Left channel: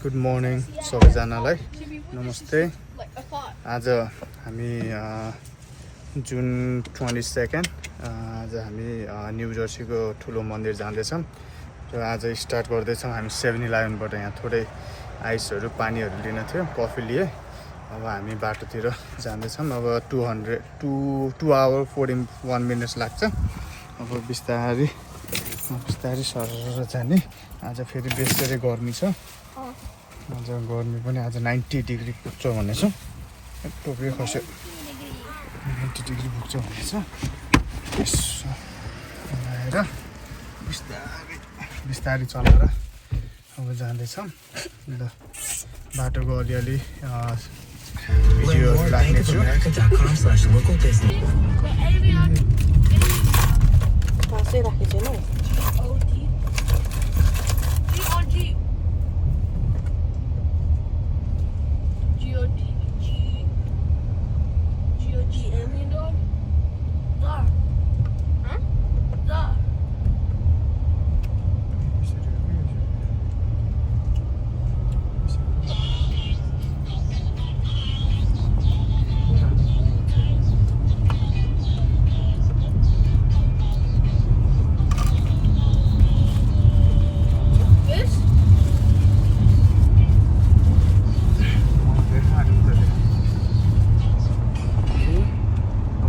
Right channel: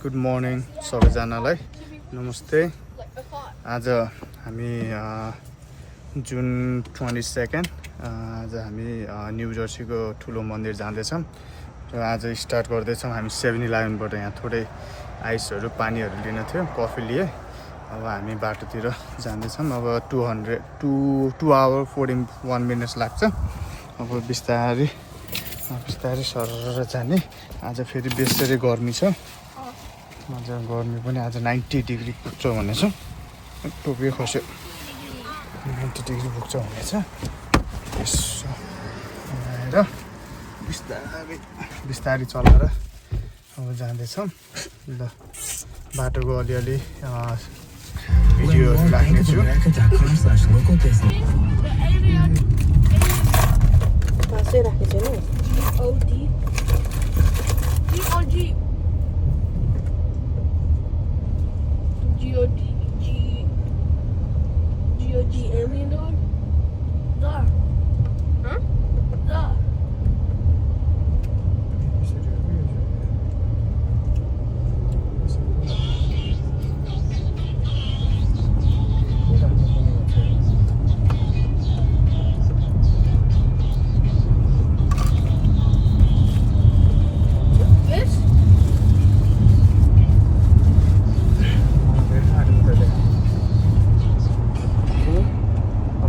Good morning सबैजनालाई नमस्ते। आज हामी जुन 22 आज हामी न्यू जर्सीको ठुलो मन्दिर जाँदैछौँ र आज स्टार्ट गर्दैछौँ हामी 7-11बाट। यहाँ थोरै आइसहरू पानीहरू लिन थियो, कफी लिए। अब हामी बाटोतिर जाँदैछौँ। अब 2 hour 41 minutes लाग्छ। अब बिस्तारै सरर जाने। आज फेरि बेसरी गर्मी छ। आज गर्मी पनि आज 90 डिग्री पुग्छ भनेछ। टोपी खस्यो 90 डिग्री पुग्छ भनेछ। यसो आएर बिस्तारै चलाएर अब जाँदैछौँ। ल बाटोको अलिअलि भिडियोहरू राख्नेछु।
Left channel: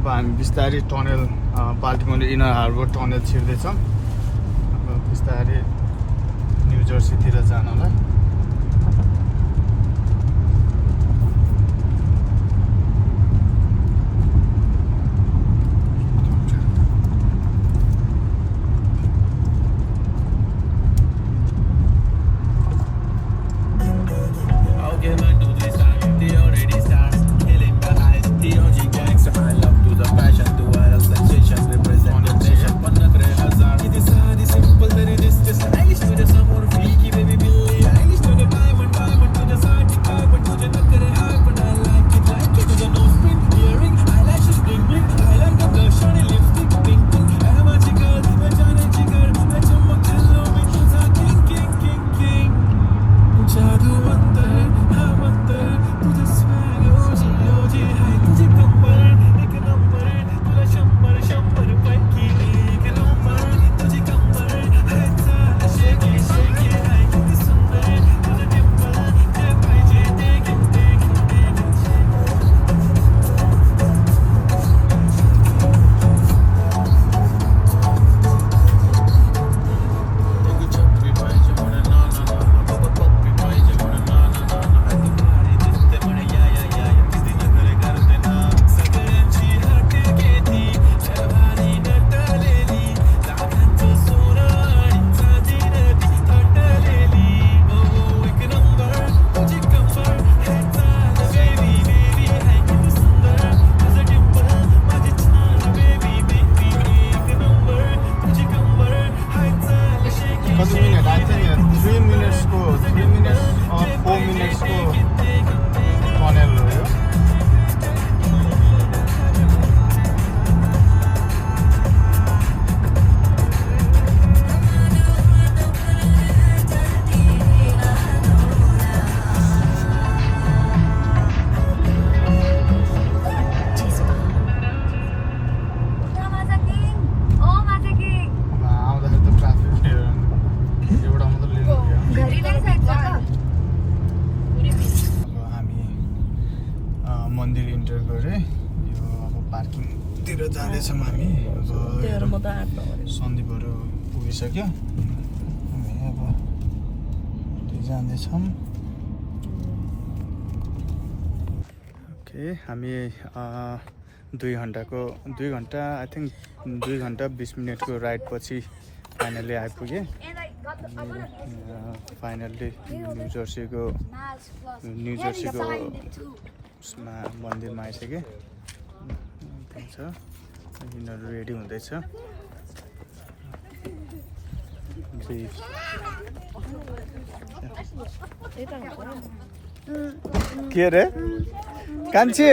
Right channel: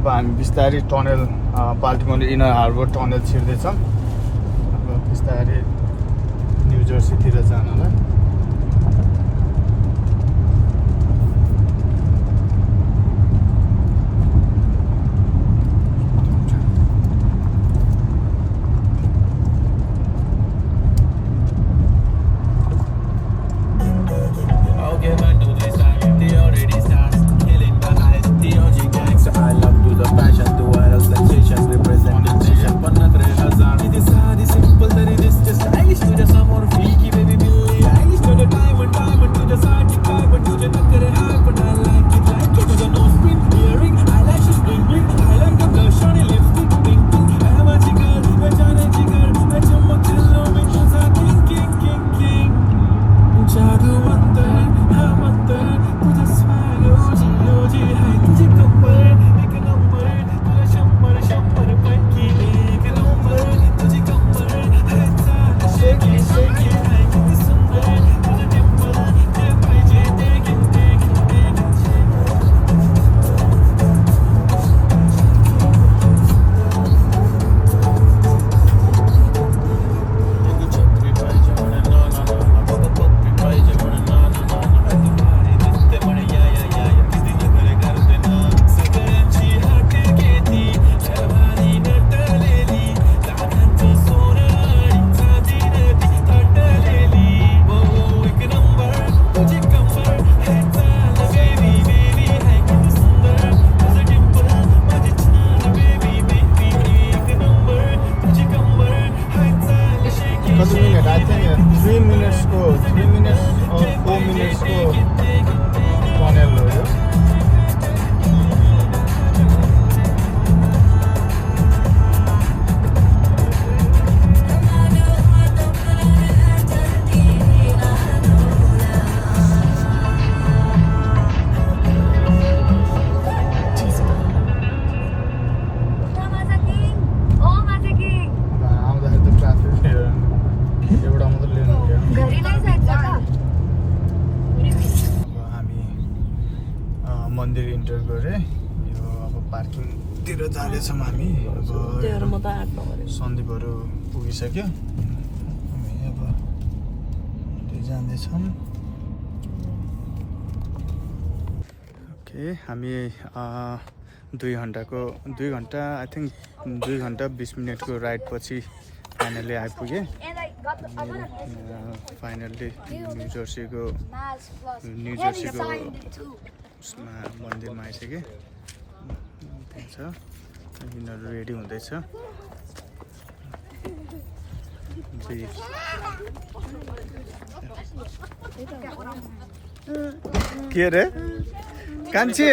अब हामी बिस्तारै tunnel Baltimore inner harbour tunnel छिर्दैछौँ। अब बिस्तारै न्यू जर्सीतिर जानलाई। मन्दिर इन्टर गरे। यो अब पार्किङतिर जाँदैछौँ हामी। सन्दीपहरू पुगिसक्यो। हामी अब जाँदैछौँ। ओके, हामी 2 घन्टा आई थिङ्क 2 घन्टा 20 मिनटको राइड पछि फाइनली आइपुगेँ। फाइनल्ली न्यू जर्सीको उसमा मन्दिरमा आइसकेँ। त्यही छ, यिनीहरू रेडी हुँदैछ। के रे कान्छी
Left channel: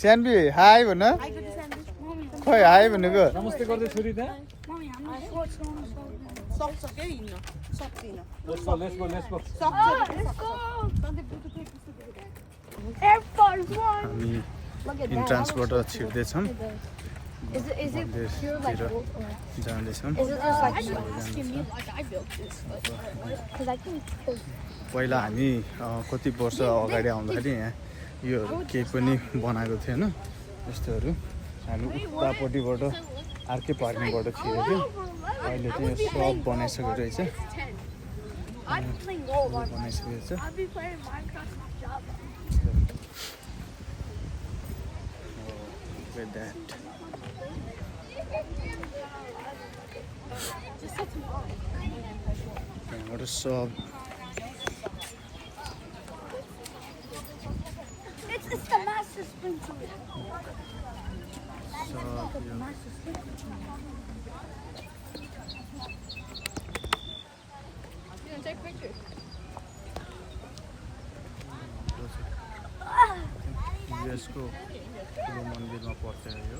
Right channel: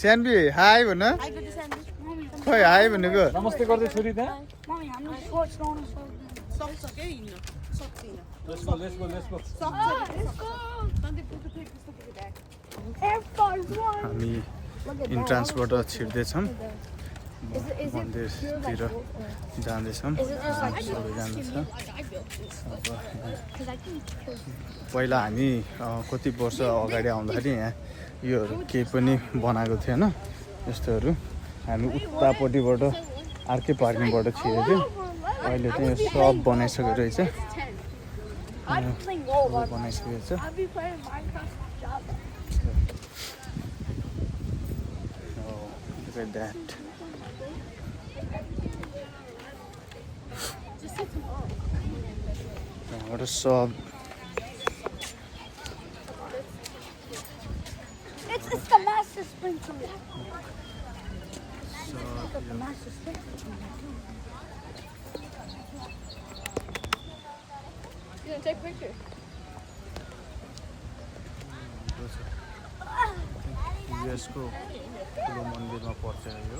स्यान्बी हाई भन। खोइ हाई भनेको। Let's go, let's go, let's go. हामी इन्ट्रान्सबाट छिर्दैछौँ मन्दिरतिर जाँदैछौँ सबैजना छ पहिला हामी कति वर्ष अगाडि आउँदाखेरि यहाँ योहरू केही पनि बनाएको थिएन यस्तोहरू हामी उतापट्टिबाट अर्कै पार्किङबाट छिरेको थियो अहिले चाहिँ सब बनाइसकेको रहेछ बनाइसकेको छ त्यहाँबाट सब युएसको ठुलो मन्दिरमा पर्छ यो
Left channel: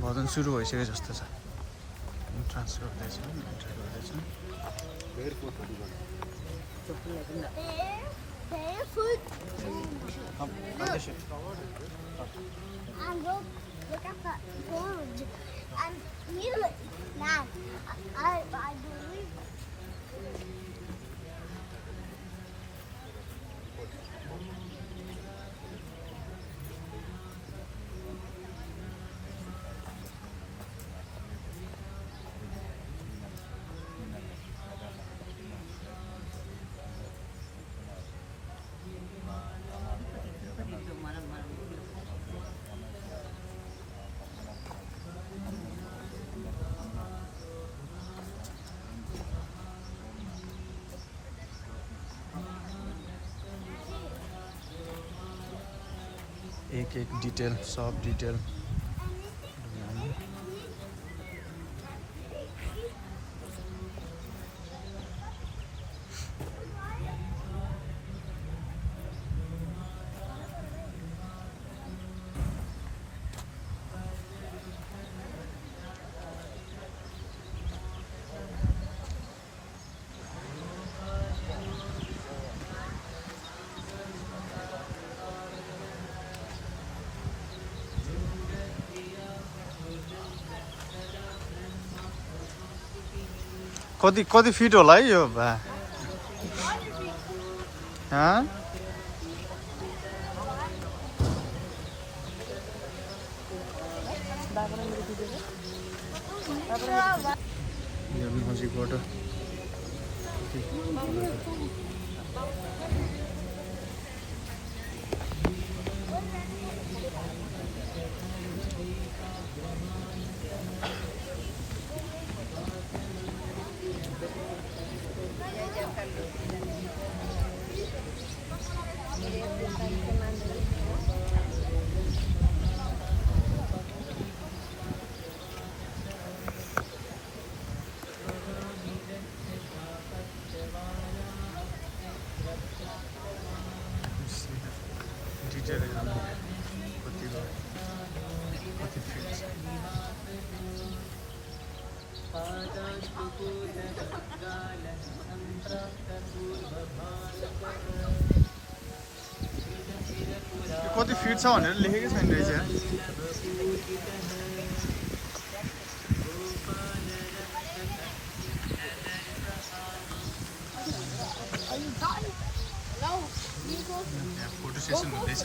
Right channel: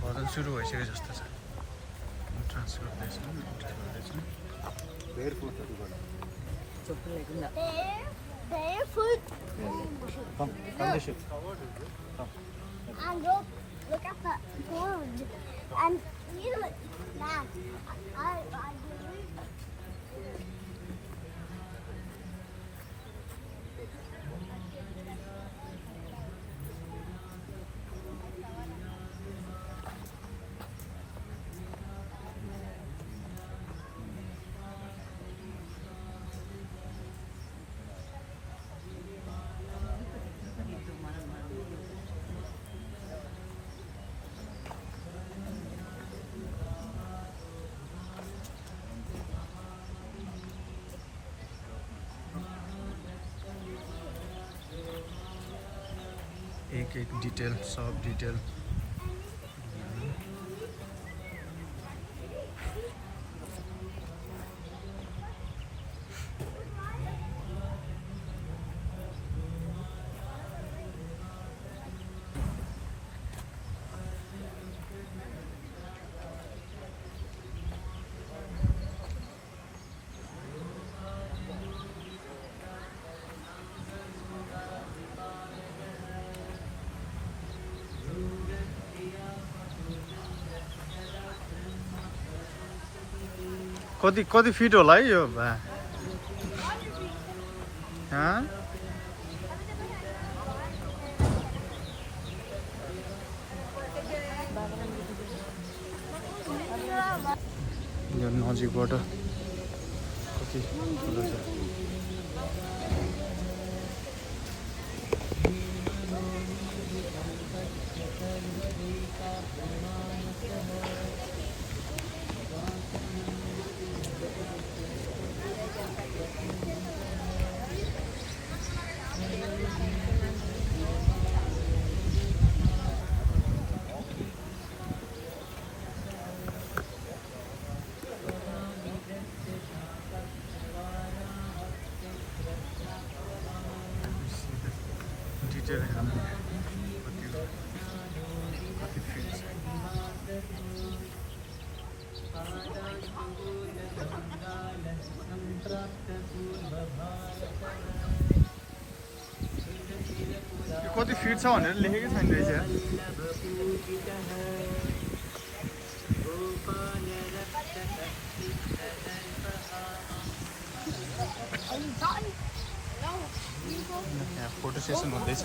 भजन सुरु भइसक्यो जस्तो छ ट्रान्स गर्दैछौँ एन्ट्री गर्दैछौँ Barefoot. And look at that pond. And you look now. I एक एक डिटेल सब डिटेल कति कति फिट होला है यो भा यो नजिकबाट कति ठुलो छ डिटेल हामीले कति फिट छ कति फिट छ भनेर लेखेकै छैन रहेछ यहाँ फोटो सेसन हुँदैछ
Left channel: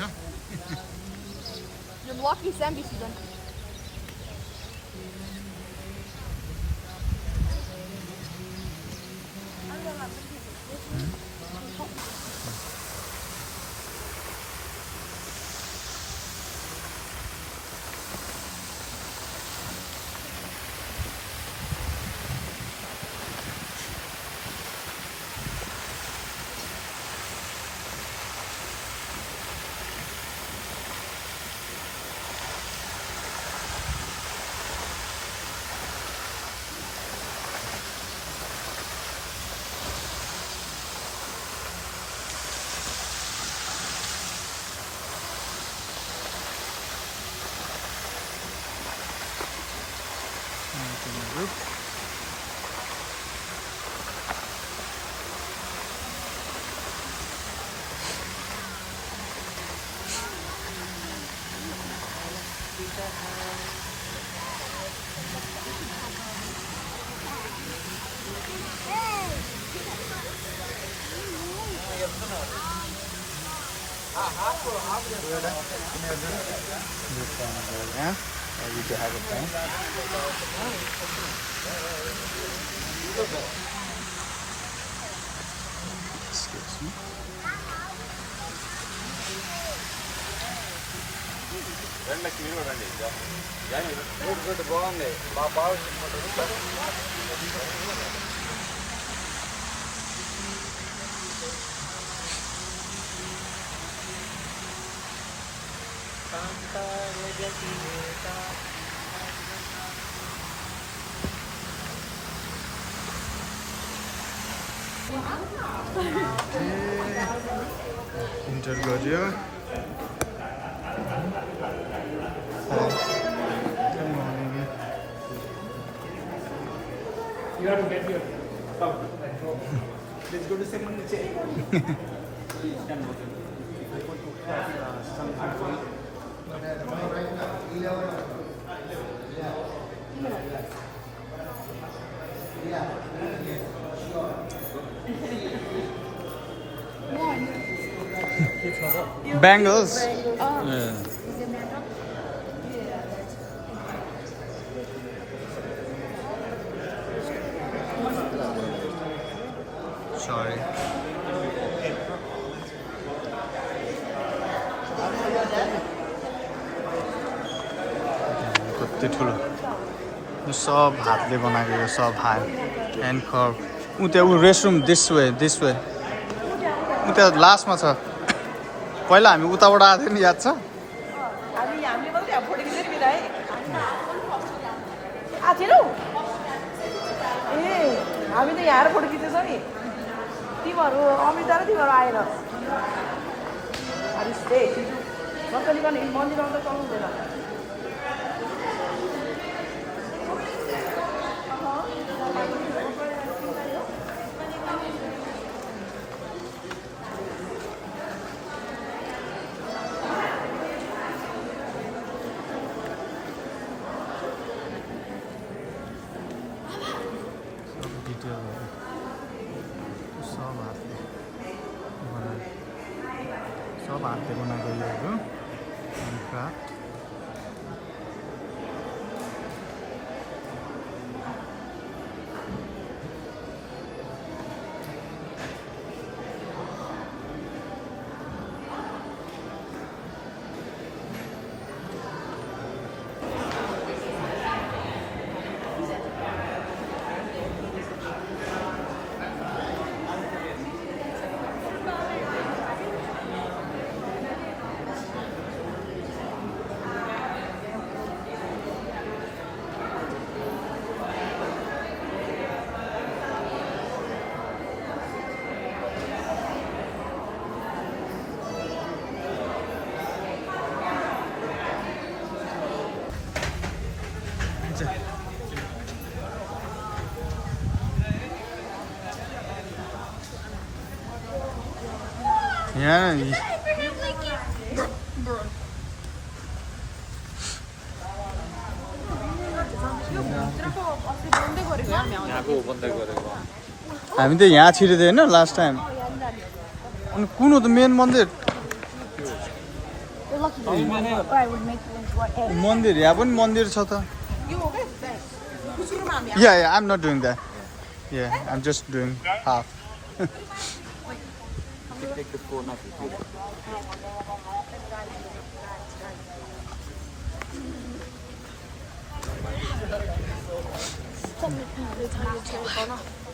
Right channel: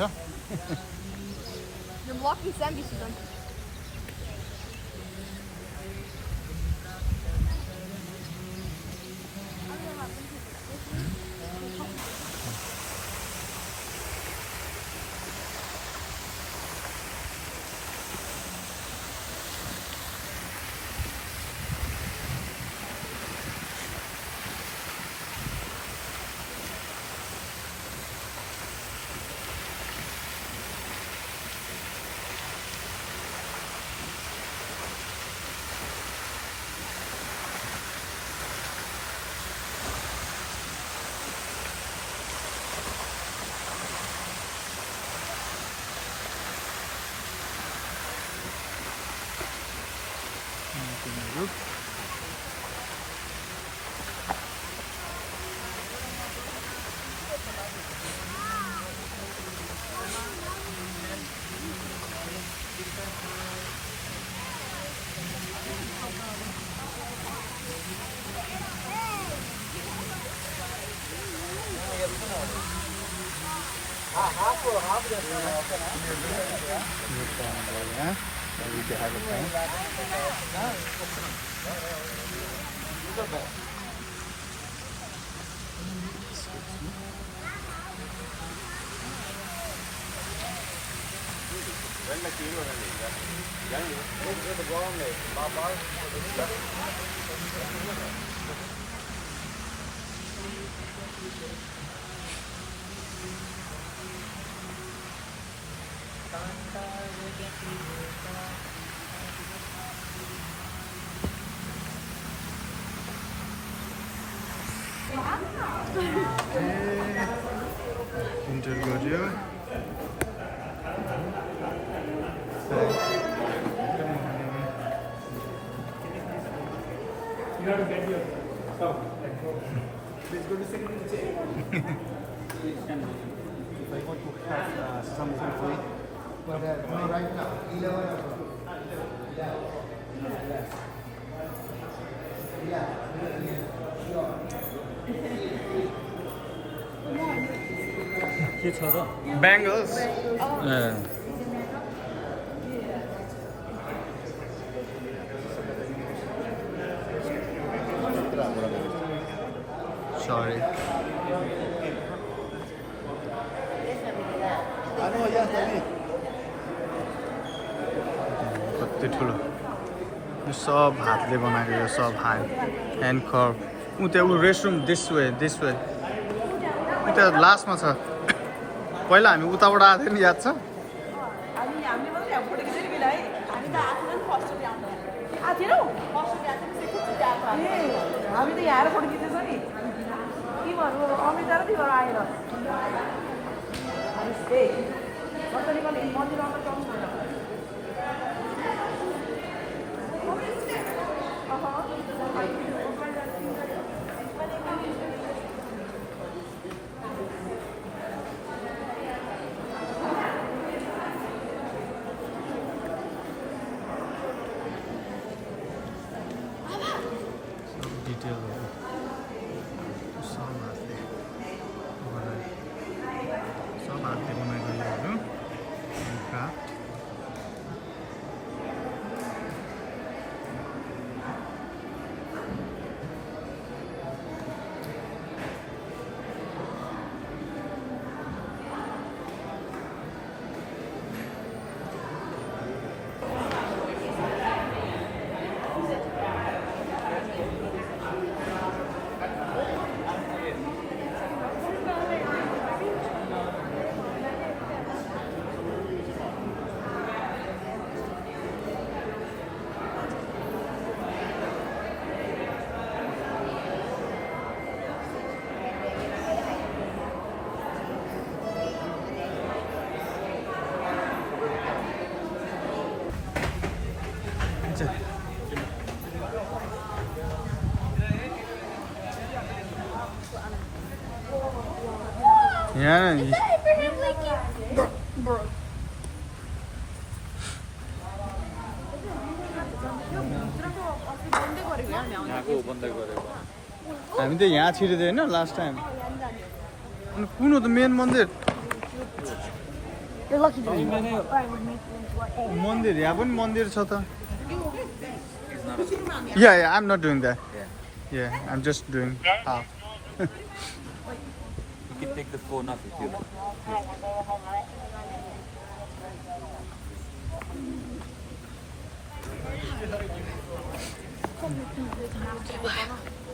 तिनीहरू यो पाउँदो यहाँ अघि देखाएको पाउँ Excuse me. इन्टर गर्यो You have to get your stop. Let's go to second chair. No, right now, 11. Bangles. Sorry. कति ठुलो यो सब हातले बनाएको यो सब ह्यान्ड कर्भ उता ऊ रेस्टरुम दिस वे उता लास्टमा छ पहिला हामी उताबाट आएको थियो नि याद छ हामी त यहाँ फोटो खिचेछौँ नि तिमीहरू अमृता र तिमीहरू आएर मन्दिरमा त चल्नु हुँदैन सब हातले बनाएको योहरू क्राफ्ट यहाँ हामी त यहाँ छिरेको होइन लास्ट टाइम अनि कुन हो त मेन मन्दिर मन्दिर यहाँ पनि मन्दिर छ त yeah I am not doing that yeah I am just doing half Take the phone off with you.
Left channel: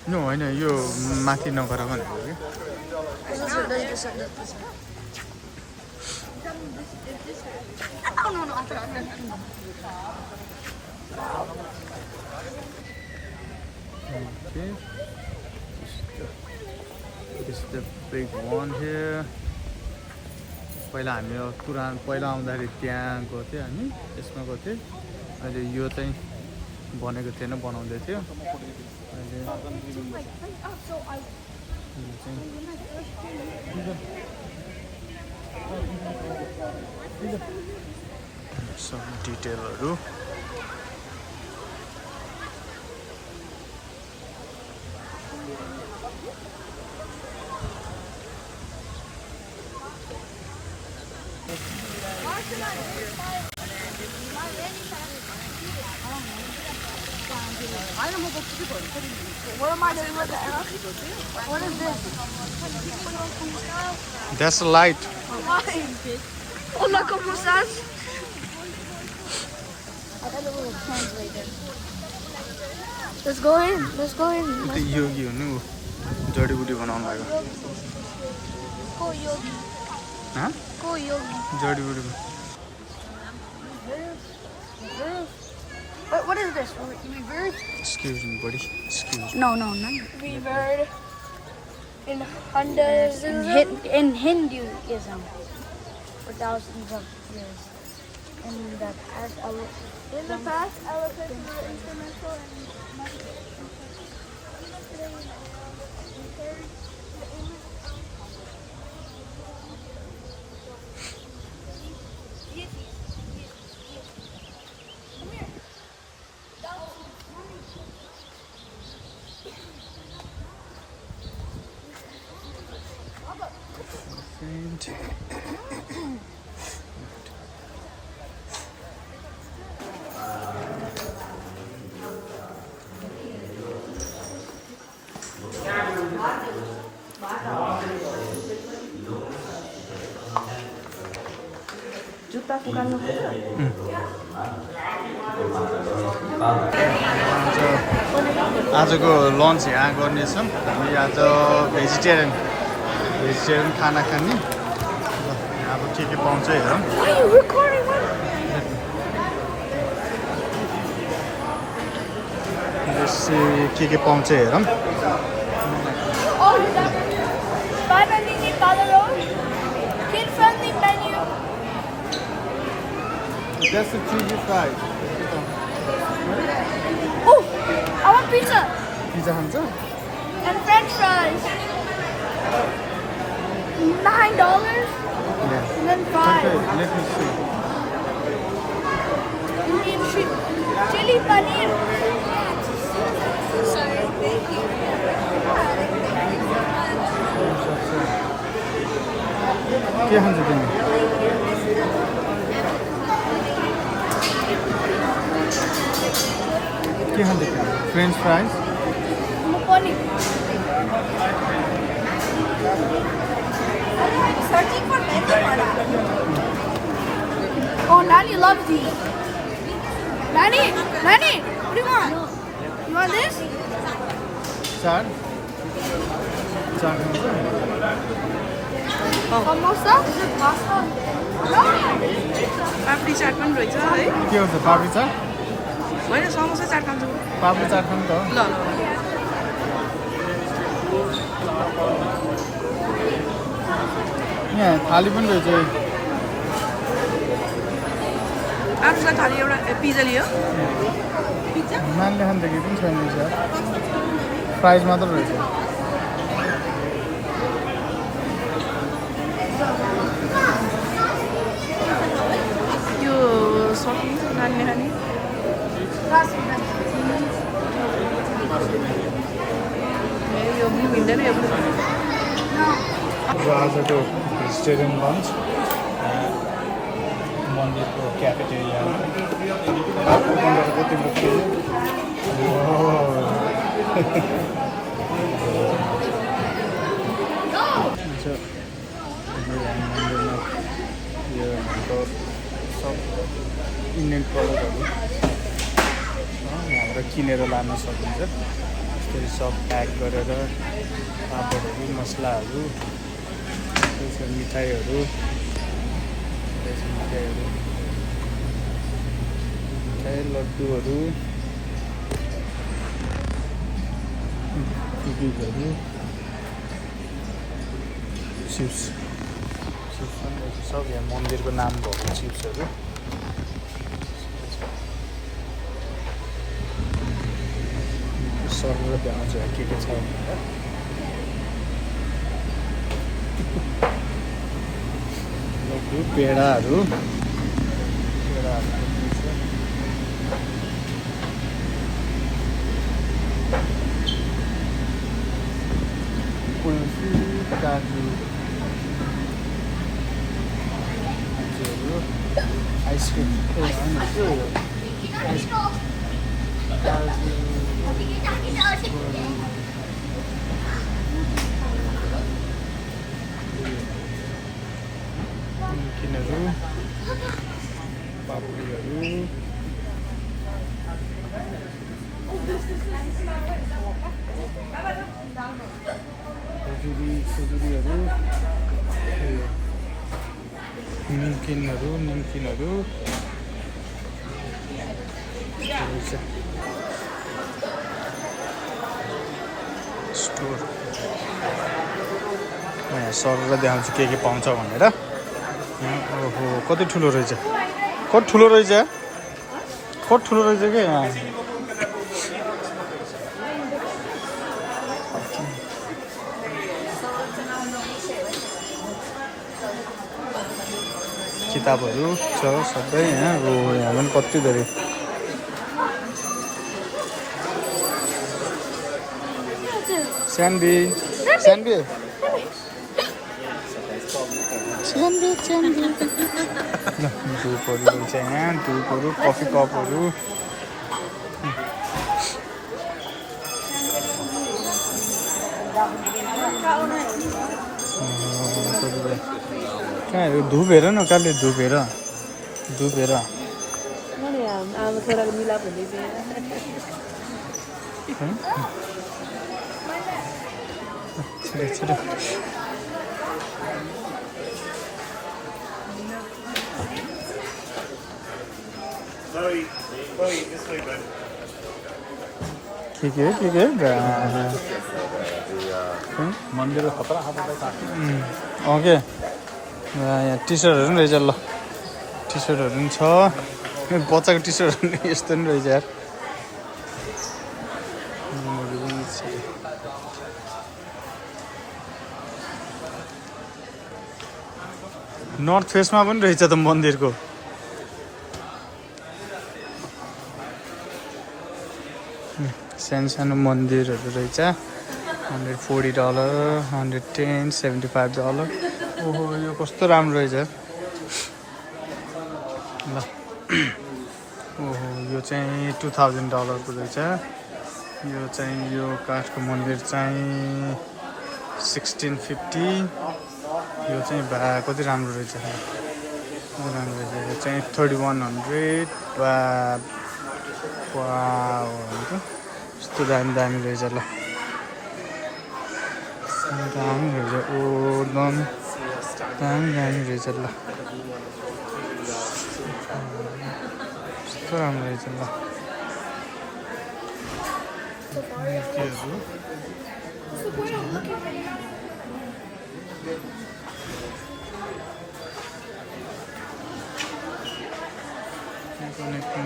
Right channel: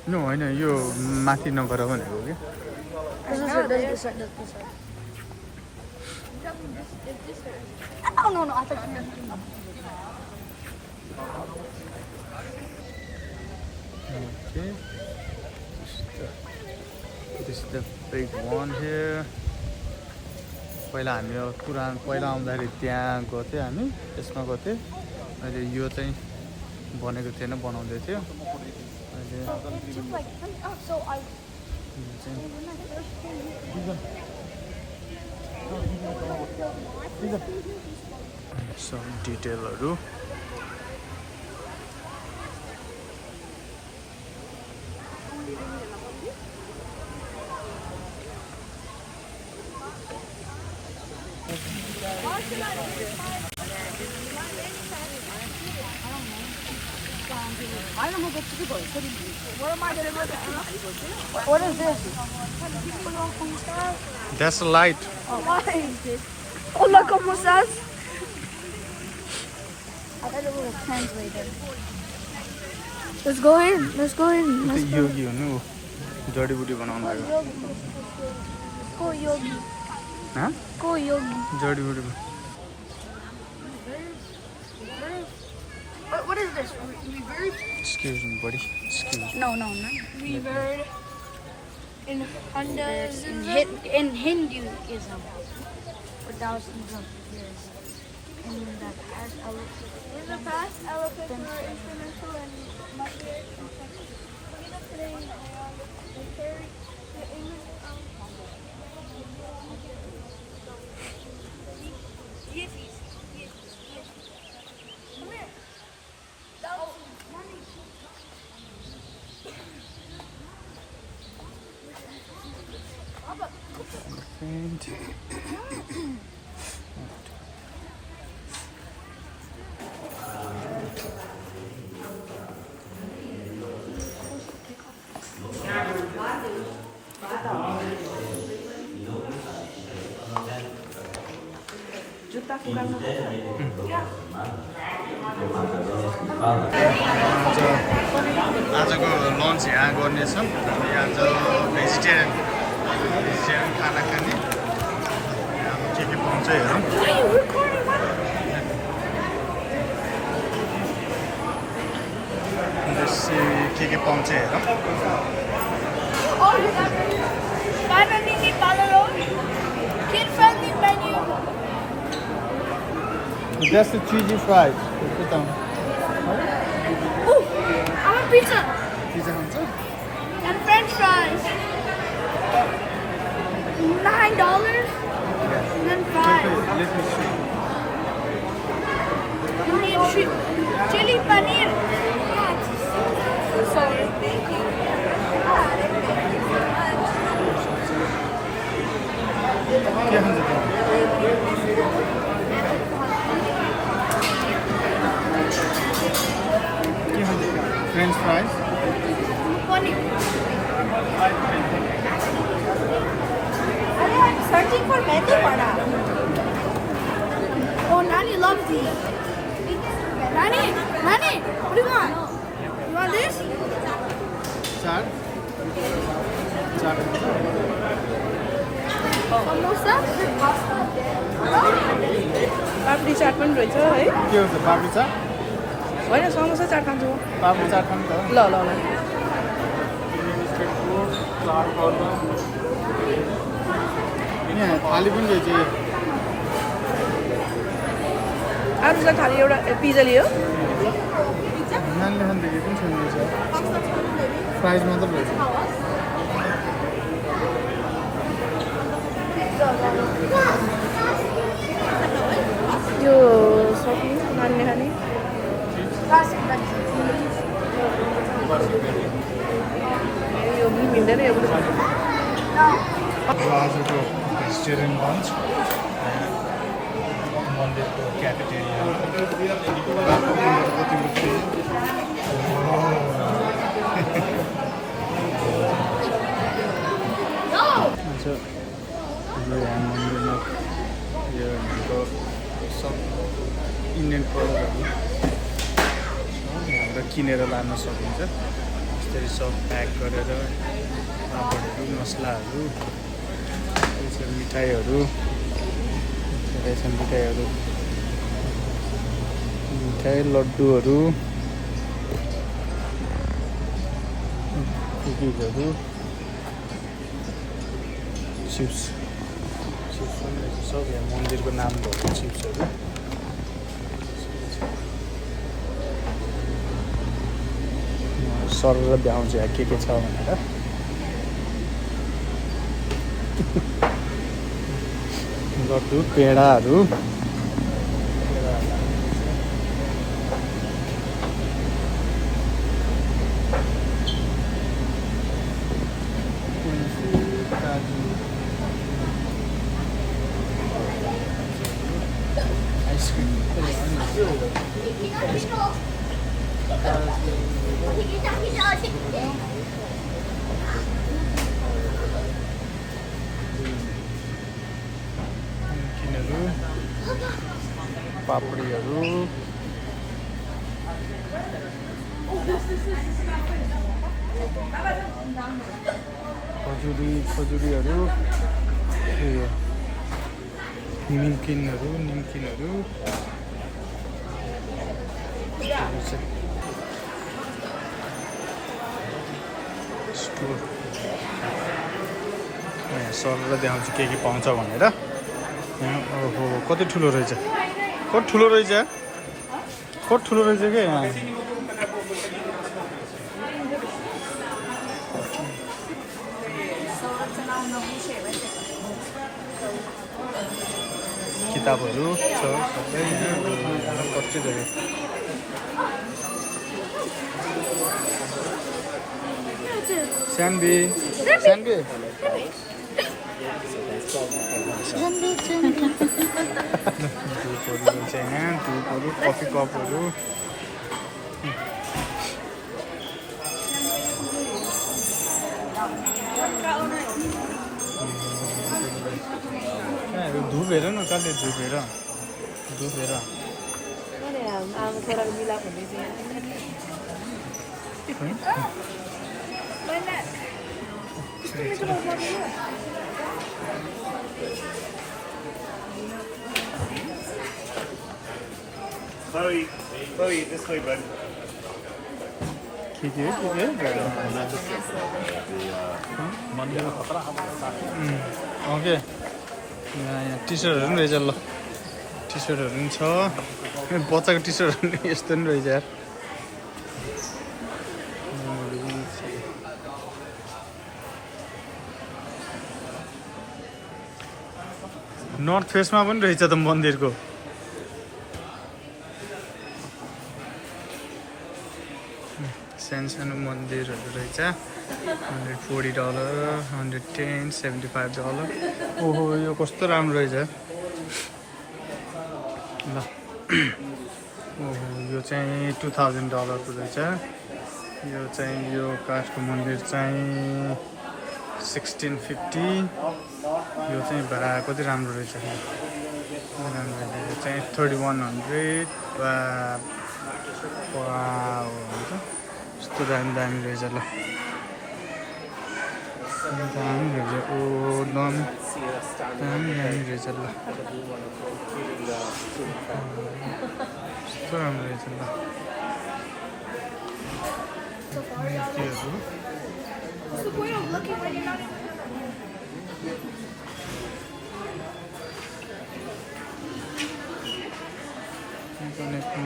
No होइन यो माथि नगर भनेको क्या Okay. This is the big one here. पहिला हामी पहिला आउँदाखेरि त्यहाँ गएको थियौँ हामी त्यसमा गएको थियौँ अहिले यो चाहिँ बनेको थिएन बनाउँदै थियो अहिले So I यो चाहिँ when I first came here. सब डिटेलहरू What is this? That's a light. Oh, look almost us. Let's go in. Let's go in. त्यो योगी हुनु जडीबुटी बनाउन लाग्यो Go yogi. हाँ Go yogi. जडीबुटी What is this? Reverb? Excuse me buddy excuse No. Reverb in Hinduism for thousands of years. In the past, elephants were instrumental in matriarch today. And आजको lunch यहाँ गर्नेछौँ हामी आज vegetarian खाना खाने अब के पाउँछ हेरौँ बेसी के पाउँछ हेरौँ That's the cheesy fries. Oh, I want pizza Pizza खान्छ and French fries. $9 and then Okay, 5. let me see. Indian chili paneer. Sorry. के खान्छ तिमी के खान्छ French fries Paneer. Searching for menu or not? Oh, Nani loves these. Nani, what do you want? You want this? Chaat chaat Samosa? Is it pasta? No. Papdi chaat पनि रहेछ है के हुन्छ पापडी चाट होइन समोसा चाट खान्छु पापडी चाट पनि त हो ल ल ल यहाँ थाली पनि रहेछ आरुषलाई खालि एउटा पिज्जा लियो नानले खानदेखि पनि छैन फ्राइज मात्र रहेछ यो सक्यो नानीले खाने यो पनि मिल्दैन यो पनि आजको भेजिटेरियन लन्च मन्दिरको क्याफेटेरियामा मन्दिरको तिम्रो हाम्रो यहाँ मन्दिरमा यो हाम्रो सब इन्डियन प्रडक्टहरू छ यहाँबाट किनेर लान सकिन्छ त्यसरी सब प्याक गरेर पापडहरू मसलाहरू त्यसरी मिठाईहरू मिठाई लड्डुहरू कुकिजहरू चिप्स पनि रहेछ सब यहाँ मन्दिरको नाम भएको चिप्सहरू सरर भ्याउँछ के छ भनेर लड्डु पेडाहरू काजु आइसक्रिम निम्किनहरू पापडीहरू खजुरीहरू निम्किनहरू स्टोर म यहाँ सरर देखाउँछु के पाउँछ भनेर ओहो कति ठुलो रहेछ कति ठुलो रहेछ क्या यहाँ किताबहरू छ सबै यहाँ यहाँ पनि कति धेरै स्यान्डी धुपहरू रहेछ यहाँ धुपहरू कफी कपहरू कहाँ हो धुप हेर न कहिले धुप हेर छिटो Chloe, this way, bud. ठिक है मन्दिरको खतरा के यहाँ टी सर्टहरू पनि रहेछ ल टी सर्टहरू पनि छ बच्चाको टी सर्टहरू पनि यस्तो पनि रहेछ यार नर्थ फेसमा पनि रहेछ त मन्दिरको सानो मन्दिरहरू रहेछ $140 $110 $75 ओहो यो कस्तो राम्रो रहेछ ल ओहो यो चाहिँ $2000 को रहेछ यो चाहिँ यो काठको मन्दिर चाहिँ 1650 यो चाहिँ कति राम्रो रहेछ यो चाहिँ 3100 वाउ यस्तो दामी रहेछ ल दामी रहेछ ओ दामी रहेछ ल कस्तो राम्रो रहेछ ल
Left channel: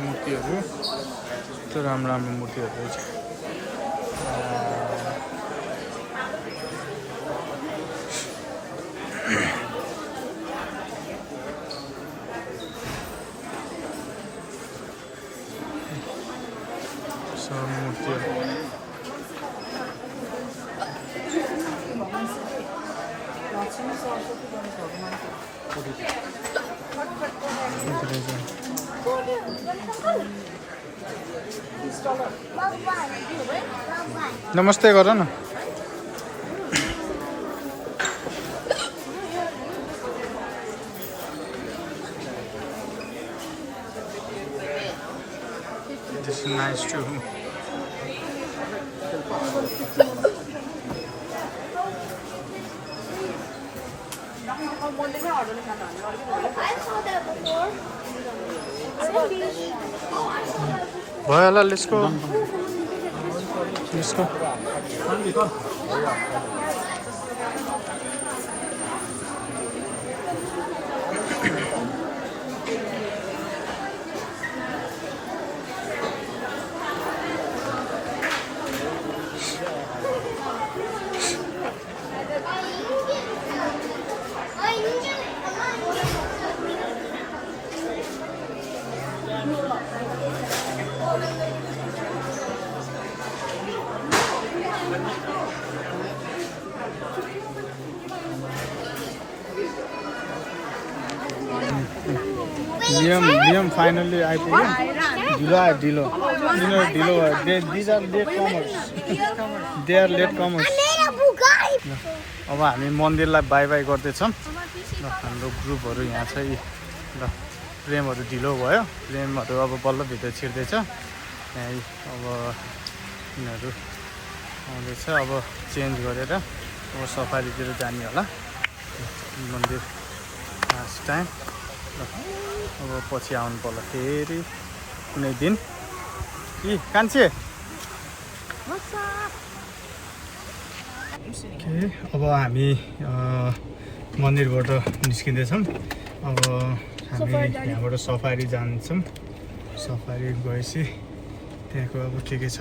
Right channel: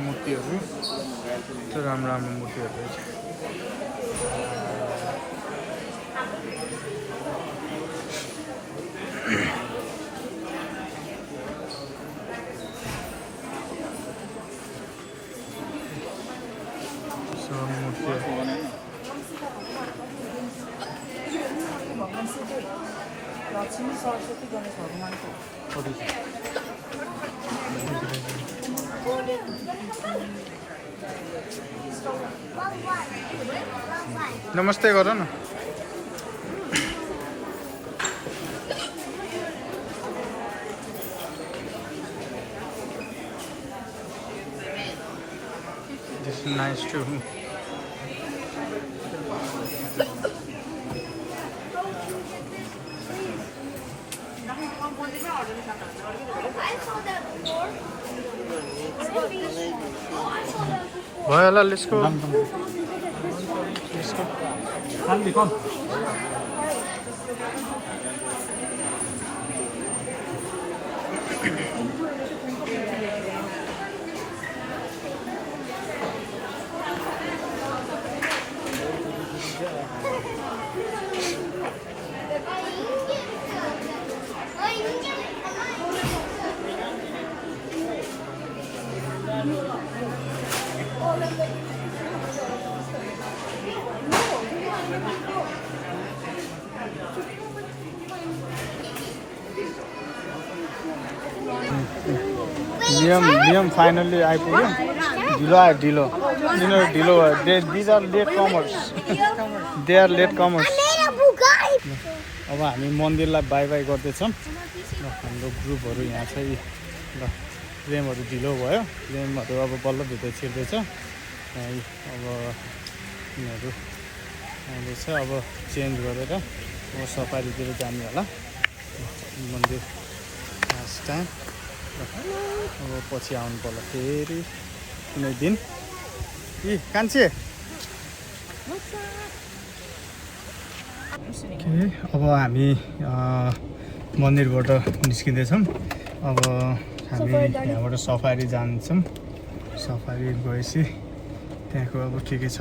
मूर्तिहरू यस्तो राम्रो मूर्तिहरू रहेछ सब मूर्तिहरू नमस्ते गर न This is nice too. Well, let's go. Let's go. Liam finally आइपुग्यो ढिलो आयो ढिलो यिनीहरू ढिलो भयो these are late comers they are late comers अब हामी मन्दिरलाई बाई बाई गर्दैछौँ ल हाम्रो ग्रुपहरू यहाँ छ यी ल प्रेमहरू ढिलो भयो प्रेमहरू अब बल्ल भित्र छिर्दैछ यहाँ अब यिनीहरू आउँदैछ अब चेन्ज गरेर अब सफारीतिर जाने होला मन्दिर लास्ट टाइम अब पछि आउनु पर्ला फेरि कुनै दिन कि कान्छे अब हामी मन्दिरबाट निस्किँदैछौँ अब हामी यहाँबाट सफारी जान्छौँ सफारी गएपछि त्यहाँको अब के के छ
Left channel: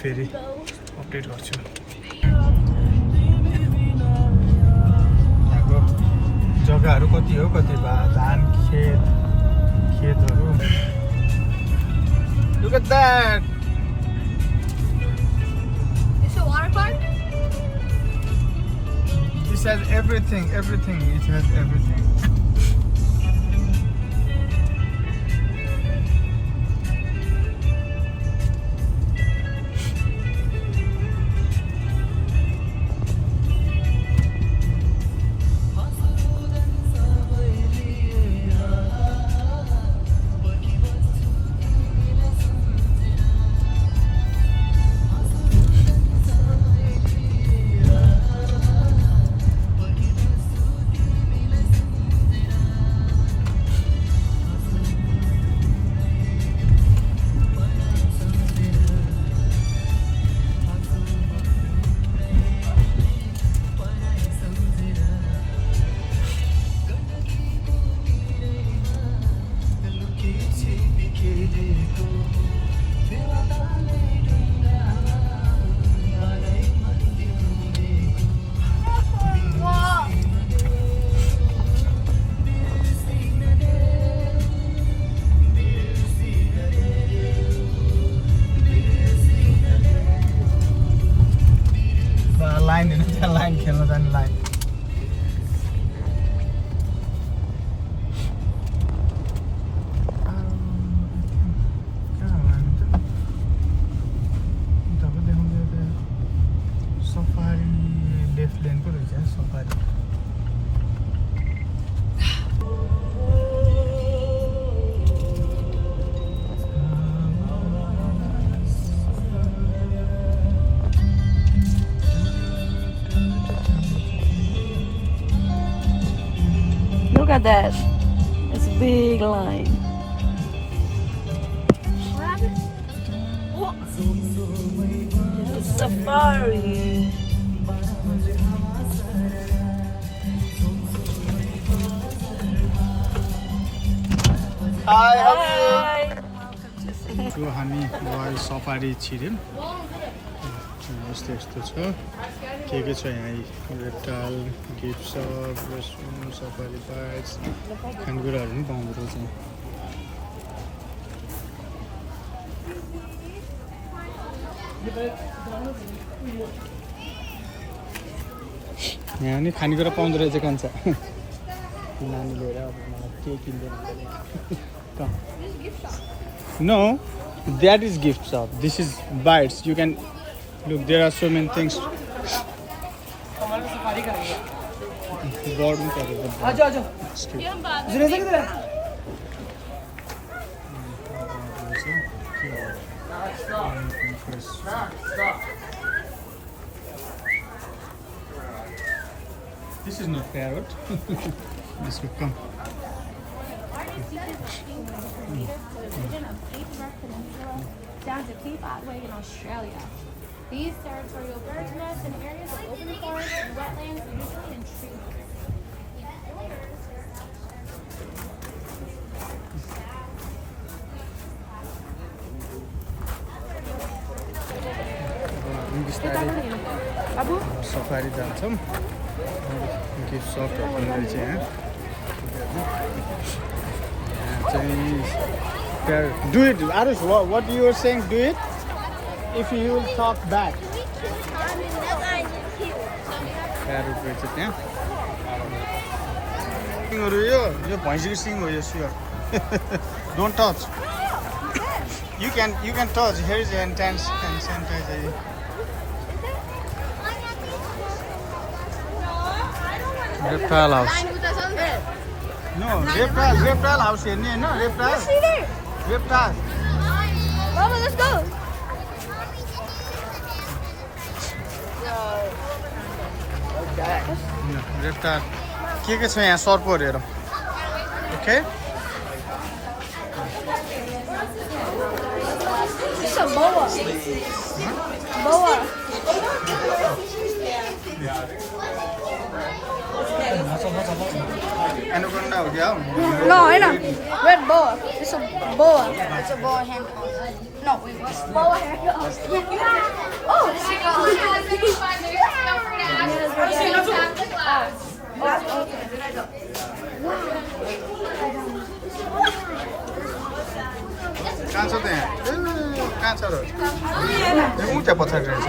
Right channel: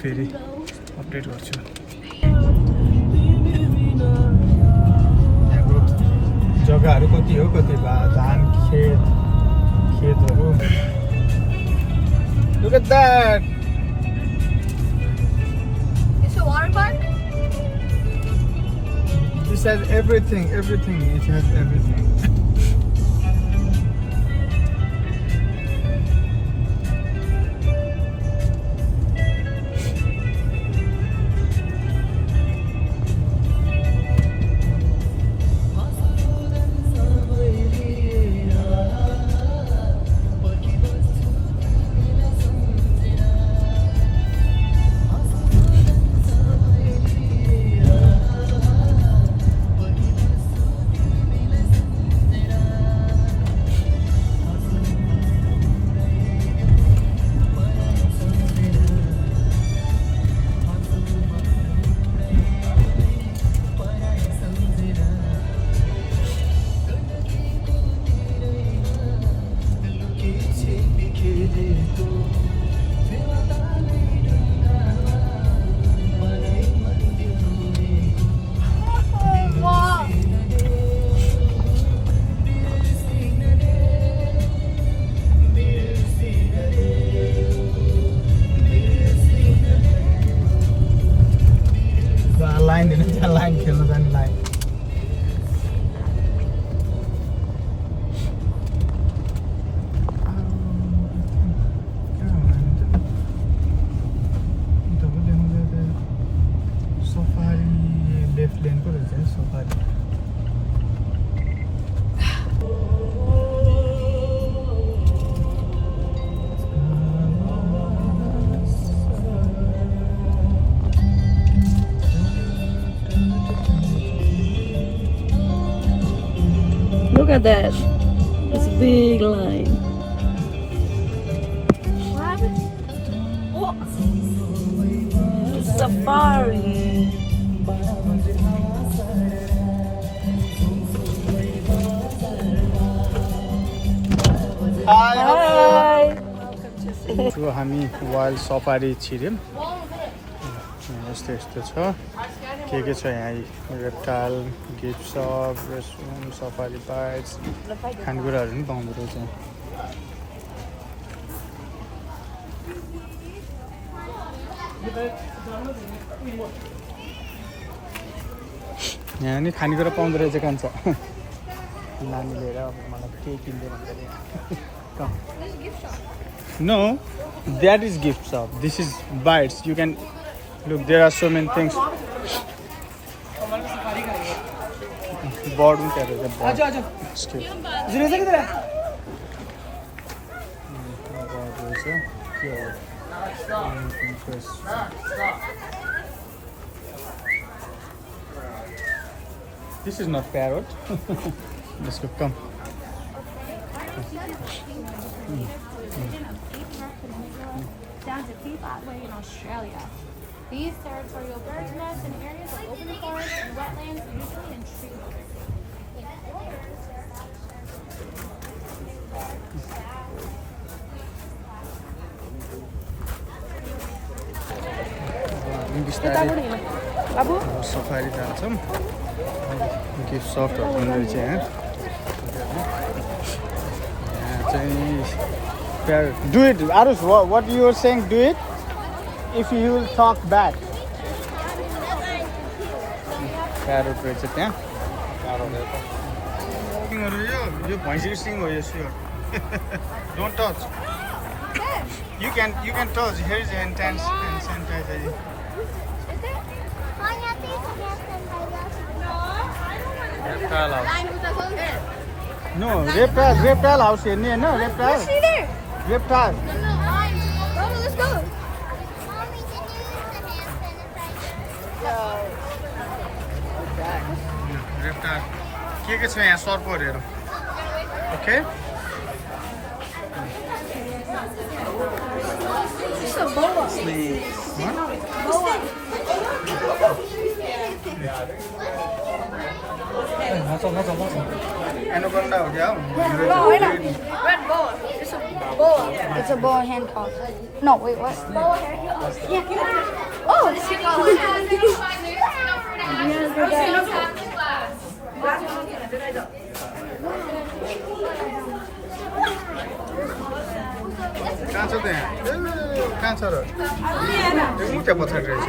फेरि अपडेट गर्छु यहाँको जग्गाहरू कति हो कति धान खेतहरू Look at that! It's a water park? This has everything. It has everything. Line खेल्न जाने लाइन सफारी लेफ्ट लेनको रहेछ safari Look at that. It's a big line. It's safari. Hi. Hi. So हामी वाइल्ड सफारी छिर्यौँ यस्तो छ के छ यहाँ reptile gift सप रेस्टुरेन्ट सफारी बाइट्स खानेकुराहरू पनि पाउँदो रहेछ यहाँ नि खानेकुरा पाउँदो रहेछ कान्छ नानी लिएर अब मलाई के किन्दैन No, that is gift shop. This is bites. You can look. There are so many things. Board में क्या रहता है? आजा आजा जुनेजा किधर है This is not parrot. This will come. Down to Cape Otway in Australia. These territorial birds nest in areas of open forest and wetlands, usually in tree safari जान्छौँ gift सपहरू पनि रहेछ यहाँ चाहिँ do it Arush what you are saying do it if you will talk back parrot रहेछ त्यहाँ सिङहरू यो भैँसीको सिङ हो यो sure don't touch You can touch. Here is the intense and sanitizer. Reptile house. No, reptile house here. No, reptile. Reptile. Mama, let's go. No, reptile. के छ यहाँ सर्पहरू हेरौँ okay It's a boa. What? Boa. Anaconda हो क्या No, I know. Red boa. It's a boa. It's a boa hand pump. No, wait, what? Oh, it's कहाँ छ त्यहाँ कहाँ छ र मुख्य पछाडि रहेछ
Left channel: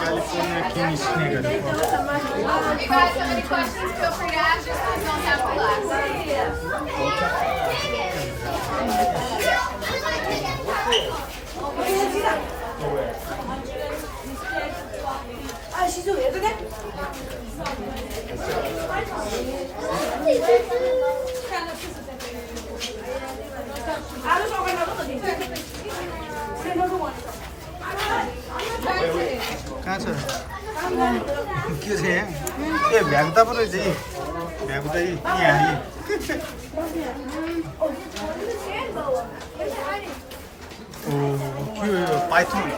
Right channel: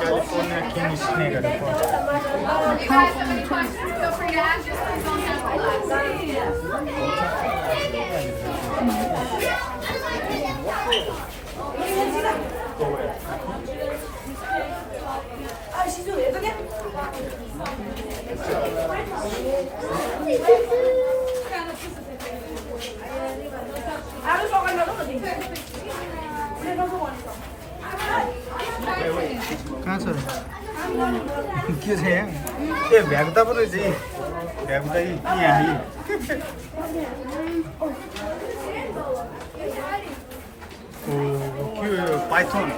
California king snake. Feel free to ask, just don't have कहाँ छ के छ यहाँ ए भ्यागुता पो रहेछ यी भ्यागुता यहाँ यी python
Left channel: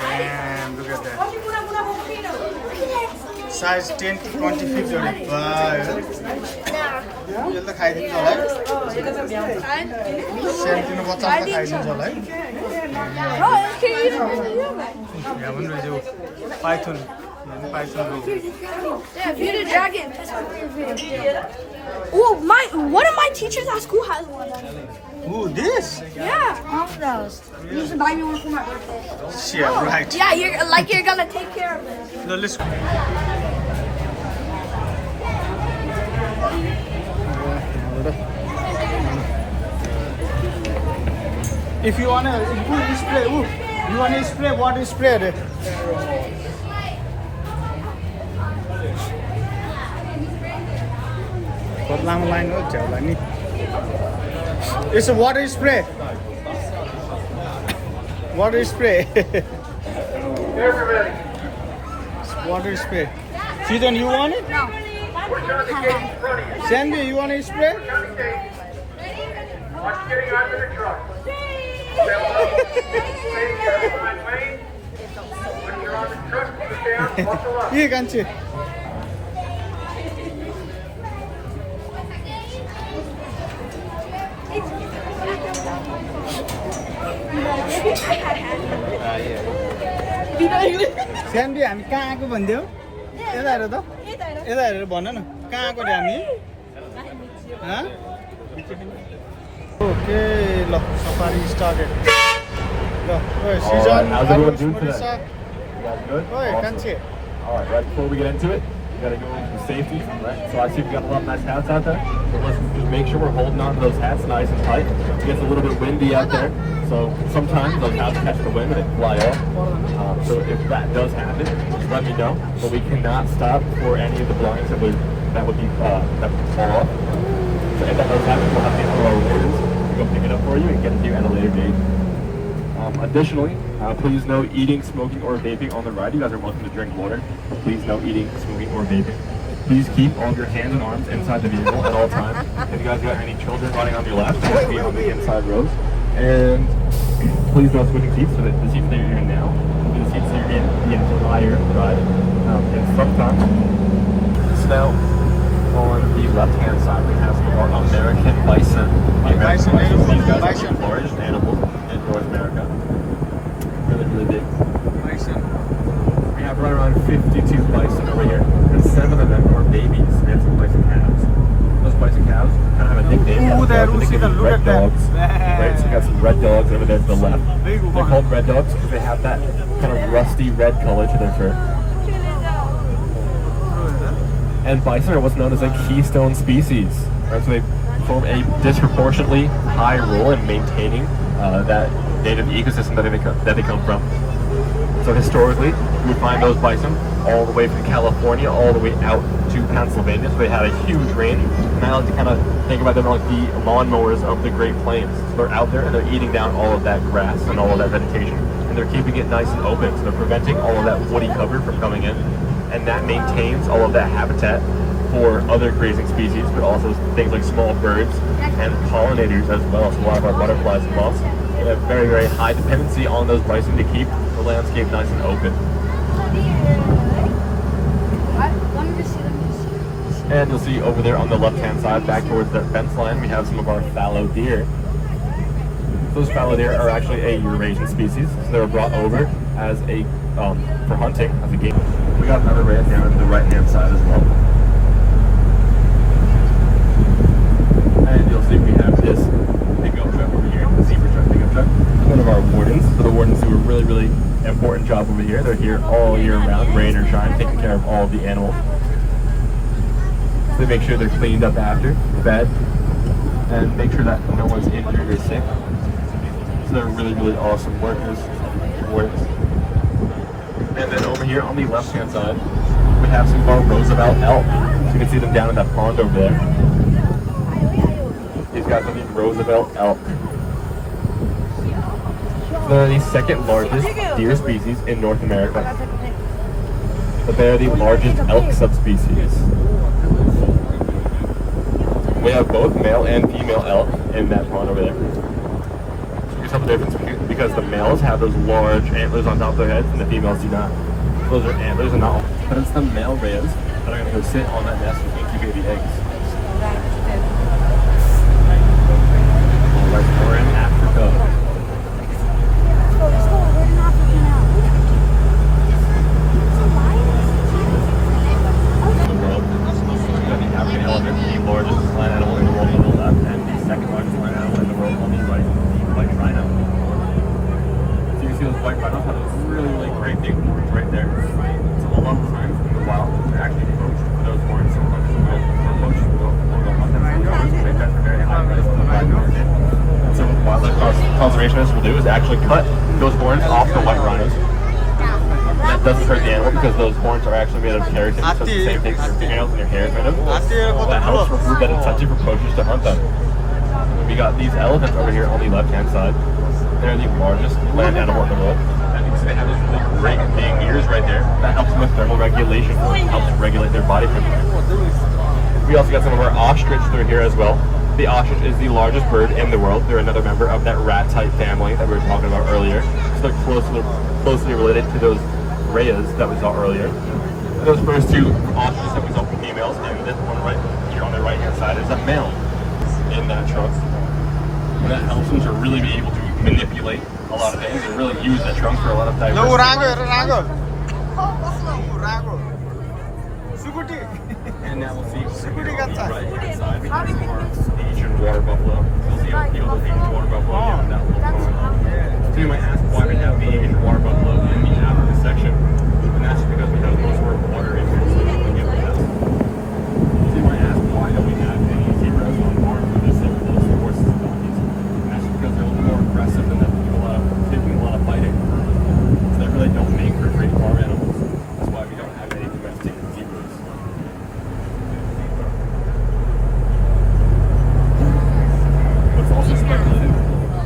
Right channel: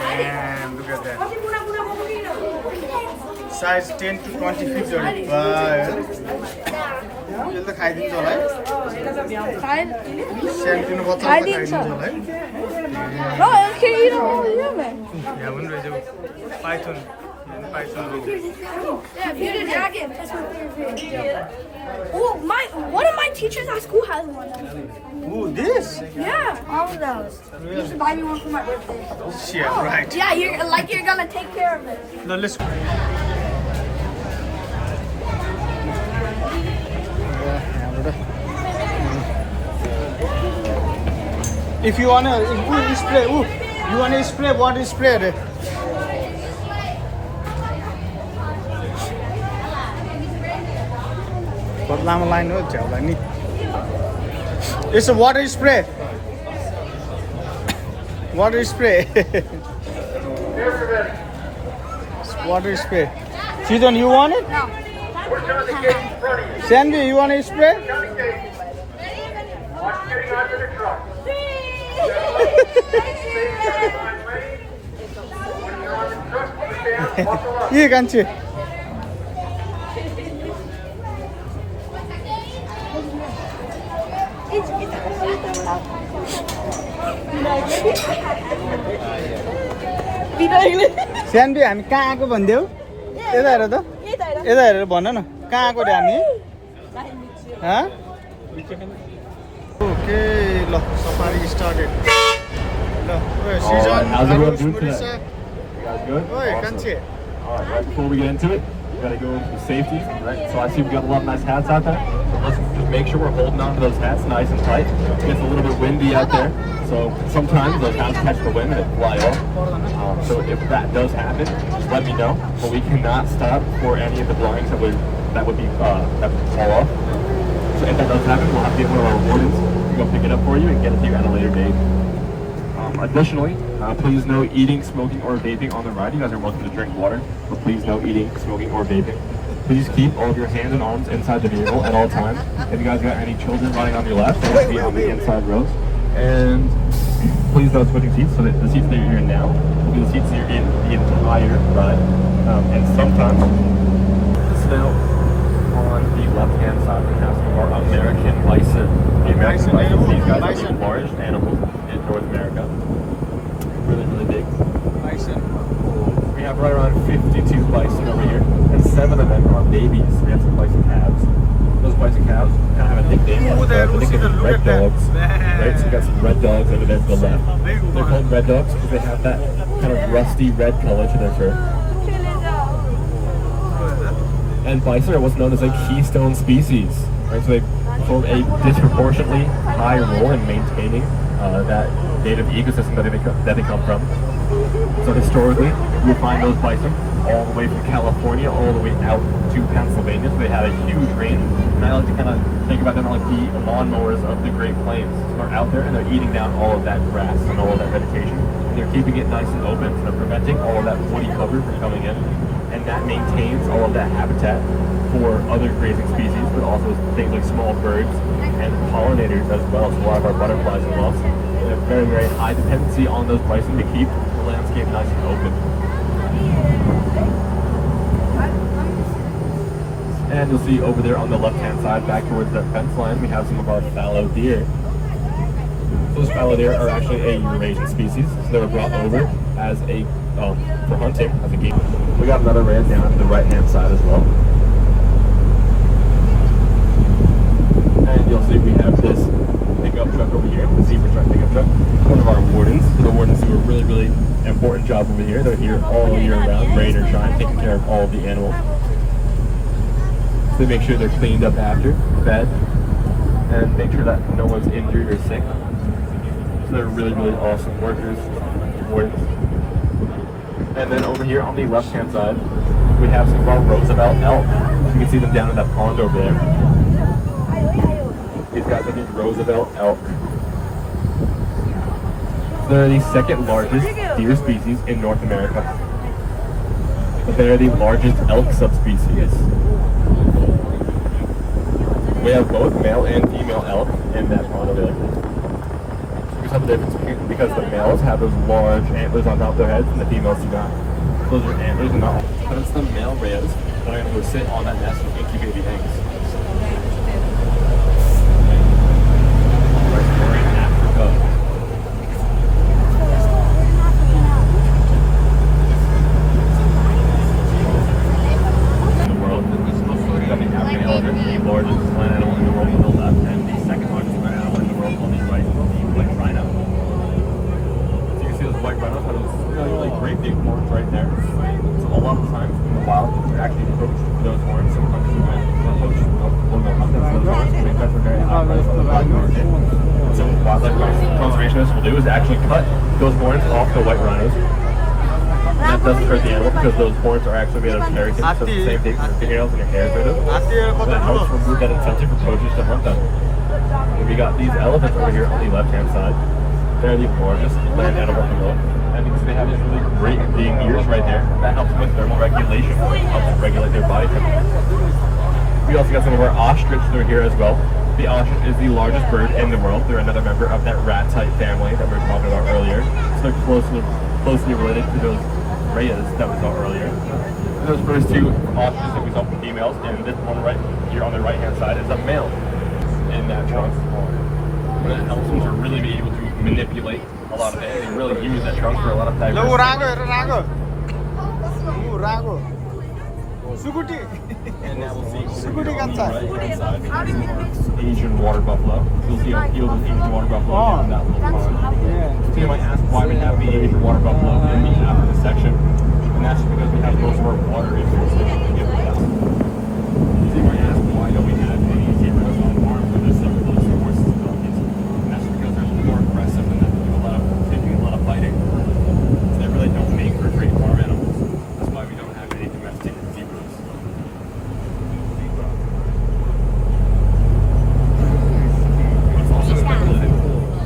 and look at that size 10 to 20 feet on it यसले त खाइदिन्छ होला है सानो बच्चाले त खाइदिन्छ होला है यहाँ पनि रहेछ python Bearded dragon. Oh, one of my teachers at school has one. Ooh, this? Yeah, all of those. You should buy me one for my birthday. Yeah, right. Yeah, you're gonna take care of it. No, let's go. If you wanna spray, you wanna spray water spray. लामो line हो झ्याउलाई नि It's a water spray. Water spray. Water spray. Susan, you want it? No. Sandy, you want a spray? Here, can't you? Sandy हामी कहाँ आएको भनिदेऊ यता हेर त यता हेरेर भन न कहाँ आएको रे हामी ओके ल सफारी स्टार्टेड ल ओए सिजन everyone doing today? ओए You guys good? कान्छे All right, right before we get into it, we gotta go for safety, right? So I see we've got a lot of nice hats out there. So let's just make sure we're holding on to those hats nice and tight. It gets a little bit windy out there, so sometimes those hats catch the wind and they fly off. So if that does happen, just let me know. But we cannot stop for any of the belongings that would fall off. So if that does happen, we'll have to get one of our wardens to go pick it up for you and get it to you at a later date. Additionally, please no eating, smoking, or vaping on the ride. You guys are welcome to drink water, but please no eating, smoking, or vaping. Please keep all of your hands and arms inside the vehicle at all times. If you guys got any children running on your left, please be on the inside rows. And please no switching seats, so that the seats that you're in now will be the seats that you're in the entire ride. And sometimes the smell over the left-hand side we have some more American bison. Bison animal? These guys Bison. are the largest animal in North America. Really, really big. Bison. nicknames. Ooh, there, The nickname is look red at that. dogs. Right, so we got some red dogs over there to the left. They're called red dogs because they have that kind of rusty red color to their fur. And bison are what's known as a keystone species. Right, so they form a disproportionately high role in maintaining that native ecosystem that they come from. So historically, you would find those bison all the way from California all the way out to Pennsylvania. So they had a huge range. And I like to kind of think about them like the lawnmowers of the Great Plains. So they're out there and they're eating down all of that grass and all of that vegetation. And they're keeping it nice and open. So they're preventing all of that woody cover from coming in. And that maintains all of that habitat for other grazing species, but also things like small birds and pollinators as well. So a lot of our butterflies and moths. They have very, very high dependency on those bison to keep the landscape nice and open. And you'll see over there on the left-hand side, back towards the fence line, we have some of our fallow deer. Those fallow deer are actually a Eurasian species, so they were brought over as a for hunting as a game. We got another ram down to the right-hand side as well. And you'll see we have this pickup truck over here, the zebra truck pickup truck. One of our wardens. So the wardens do a really, really important job over here. They're here all year round, rain or shine, taking care of all of the animals. So they make sure they're cleaned up after, fed, and make sure that no one's injured or sick. So they're really, really awesome workers, wardens. And then over here on the left-hand side, we have some of our Roosevelt elk. So you can see them down in that pond over there. These guys are the Roosevelt elk. They're the second largest deer species in North America. But they are the largest elk subspecies. We have both male and female elk in that pond over there. So you can tell the difference because the males have those large antlers on top of their heads and the females do not. Those are antlers and not. But it's the male rays that are going to go sit on that nest and incubate the eggs. We're in Africa. We've got the African elephant, the largest land animal in the world on the left, and the second largest land animal in the world on the right, the white rhino. So you can see those white rhinos have those really, really great big horns right there. So a lot of times in the wild, they're actually poached for those horns. Some hunters will poach or go hunt them for those horns because they've got a very high price on the black market. And so what wildlife conservationists will do is actually cut those horns off the white rhinos. And that doesn't hurt the animal because those horns are actually made of keratin, so it's the same thing as fingernails and your hair is made of. So that helps remove that incentive for poachers to hunt them. And we got these elephants over here on the left-hand side. They're the largest land animal in the world. And you can see they have those really great big ears right there. That helps with thermal regulation. It helps regulate their body temperature. We also got some of our ostrich that are here as well. The ostrich is the largest bird in the world. They're another member of that rat-type family that we were talking about earlier. So they're closely related to those rheas that we saw earlier. And those first two ostriches that we saw from females, and this one right here on the right-hand side is a male in that trunk. That helps them to really be able to manipulate a lot of things and really use that trunk for a lot of diversity. And now we'll see over here on the right-hand side, we have our Asian water buffalo. You'll see a field of Asian water buffalo down in that little pond. So you might ask why we have the Asian water buffalo in the Africa section. And that's because we have most of our water in the section we give them. So you might ask why don't we have any zebras on farm for this and those horses and donkeys. And that's because they're a little more aggressive and they're taking a lot of fighting. So they really don't make for great farm animals. That's why we don't have any domestic zebras. It's also speculated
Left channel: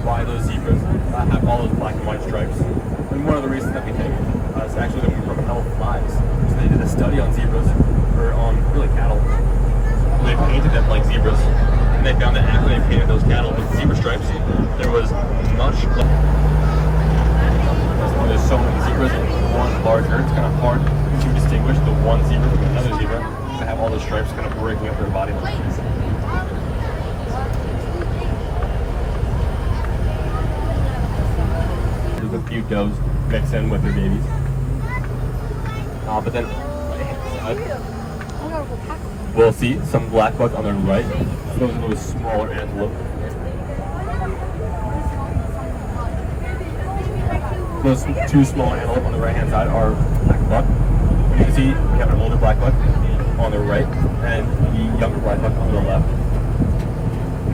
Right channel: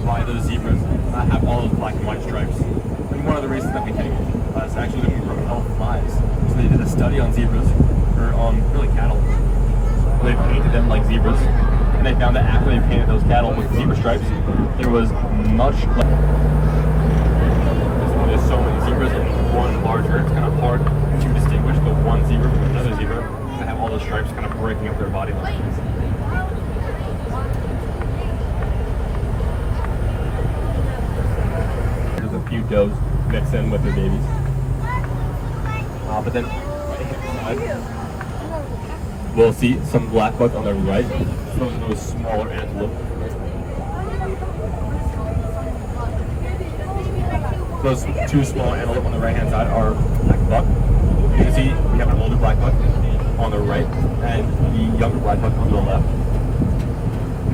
why those zebras have all those black and white stripes. And one of the reasons that we think is actually that we from elk flies. So they did a study on zebras, or on really cattle. They painted them like zebras, and they found that after they painted those cattle with zebra stripes, there was much less. So there's so many zebras with one larger, it's kind of hard to distinguish the one zebra from another zebra to have all those stripes kind of breaking up their body lines. There's a few does mix in with their babies. But then we'll see some black buck on the right those smaller antelope. Those two smaller antelope on the right hand side are black buck. You can see we have an older black buck on the right and the younger black buck on the left.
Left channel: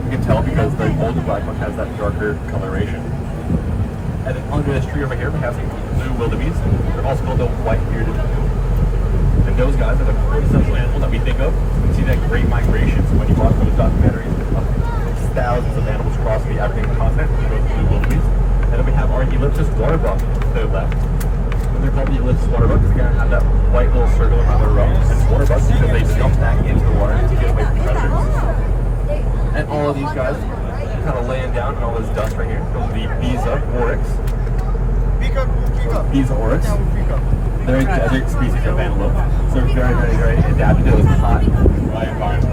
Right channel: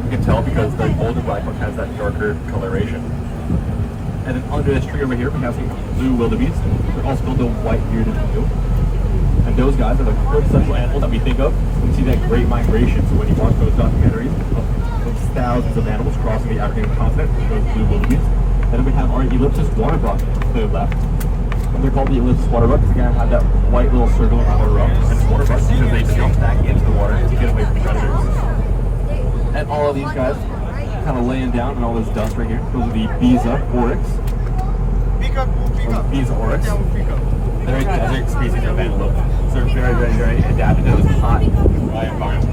You can tell because the older black buck has that darker coloration. And then under this tree over here we have some blue wildebeest. They're also called the white-bearded blue. And those guys are the quintessential animals that we think of when we see that great migration. So when you watch those documentaries of thousands of animals crossing the African continent, those blue wildebeest. And then we have our ellipsis water buck to the left. When they're called the ellipsis water buck, because they're going to have that white little circle around their rump. And water bucks because they jump back into the water to get away from predators. And all of these guys kind of laying down in all this dust right here. Those are the Biza oryx. Biza oryx. They're a desert species of antelope. So they're very adapted to this hot, dry environment.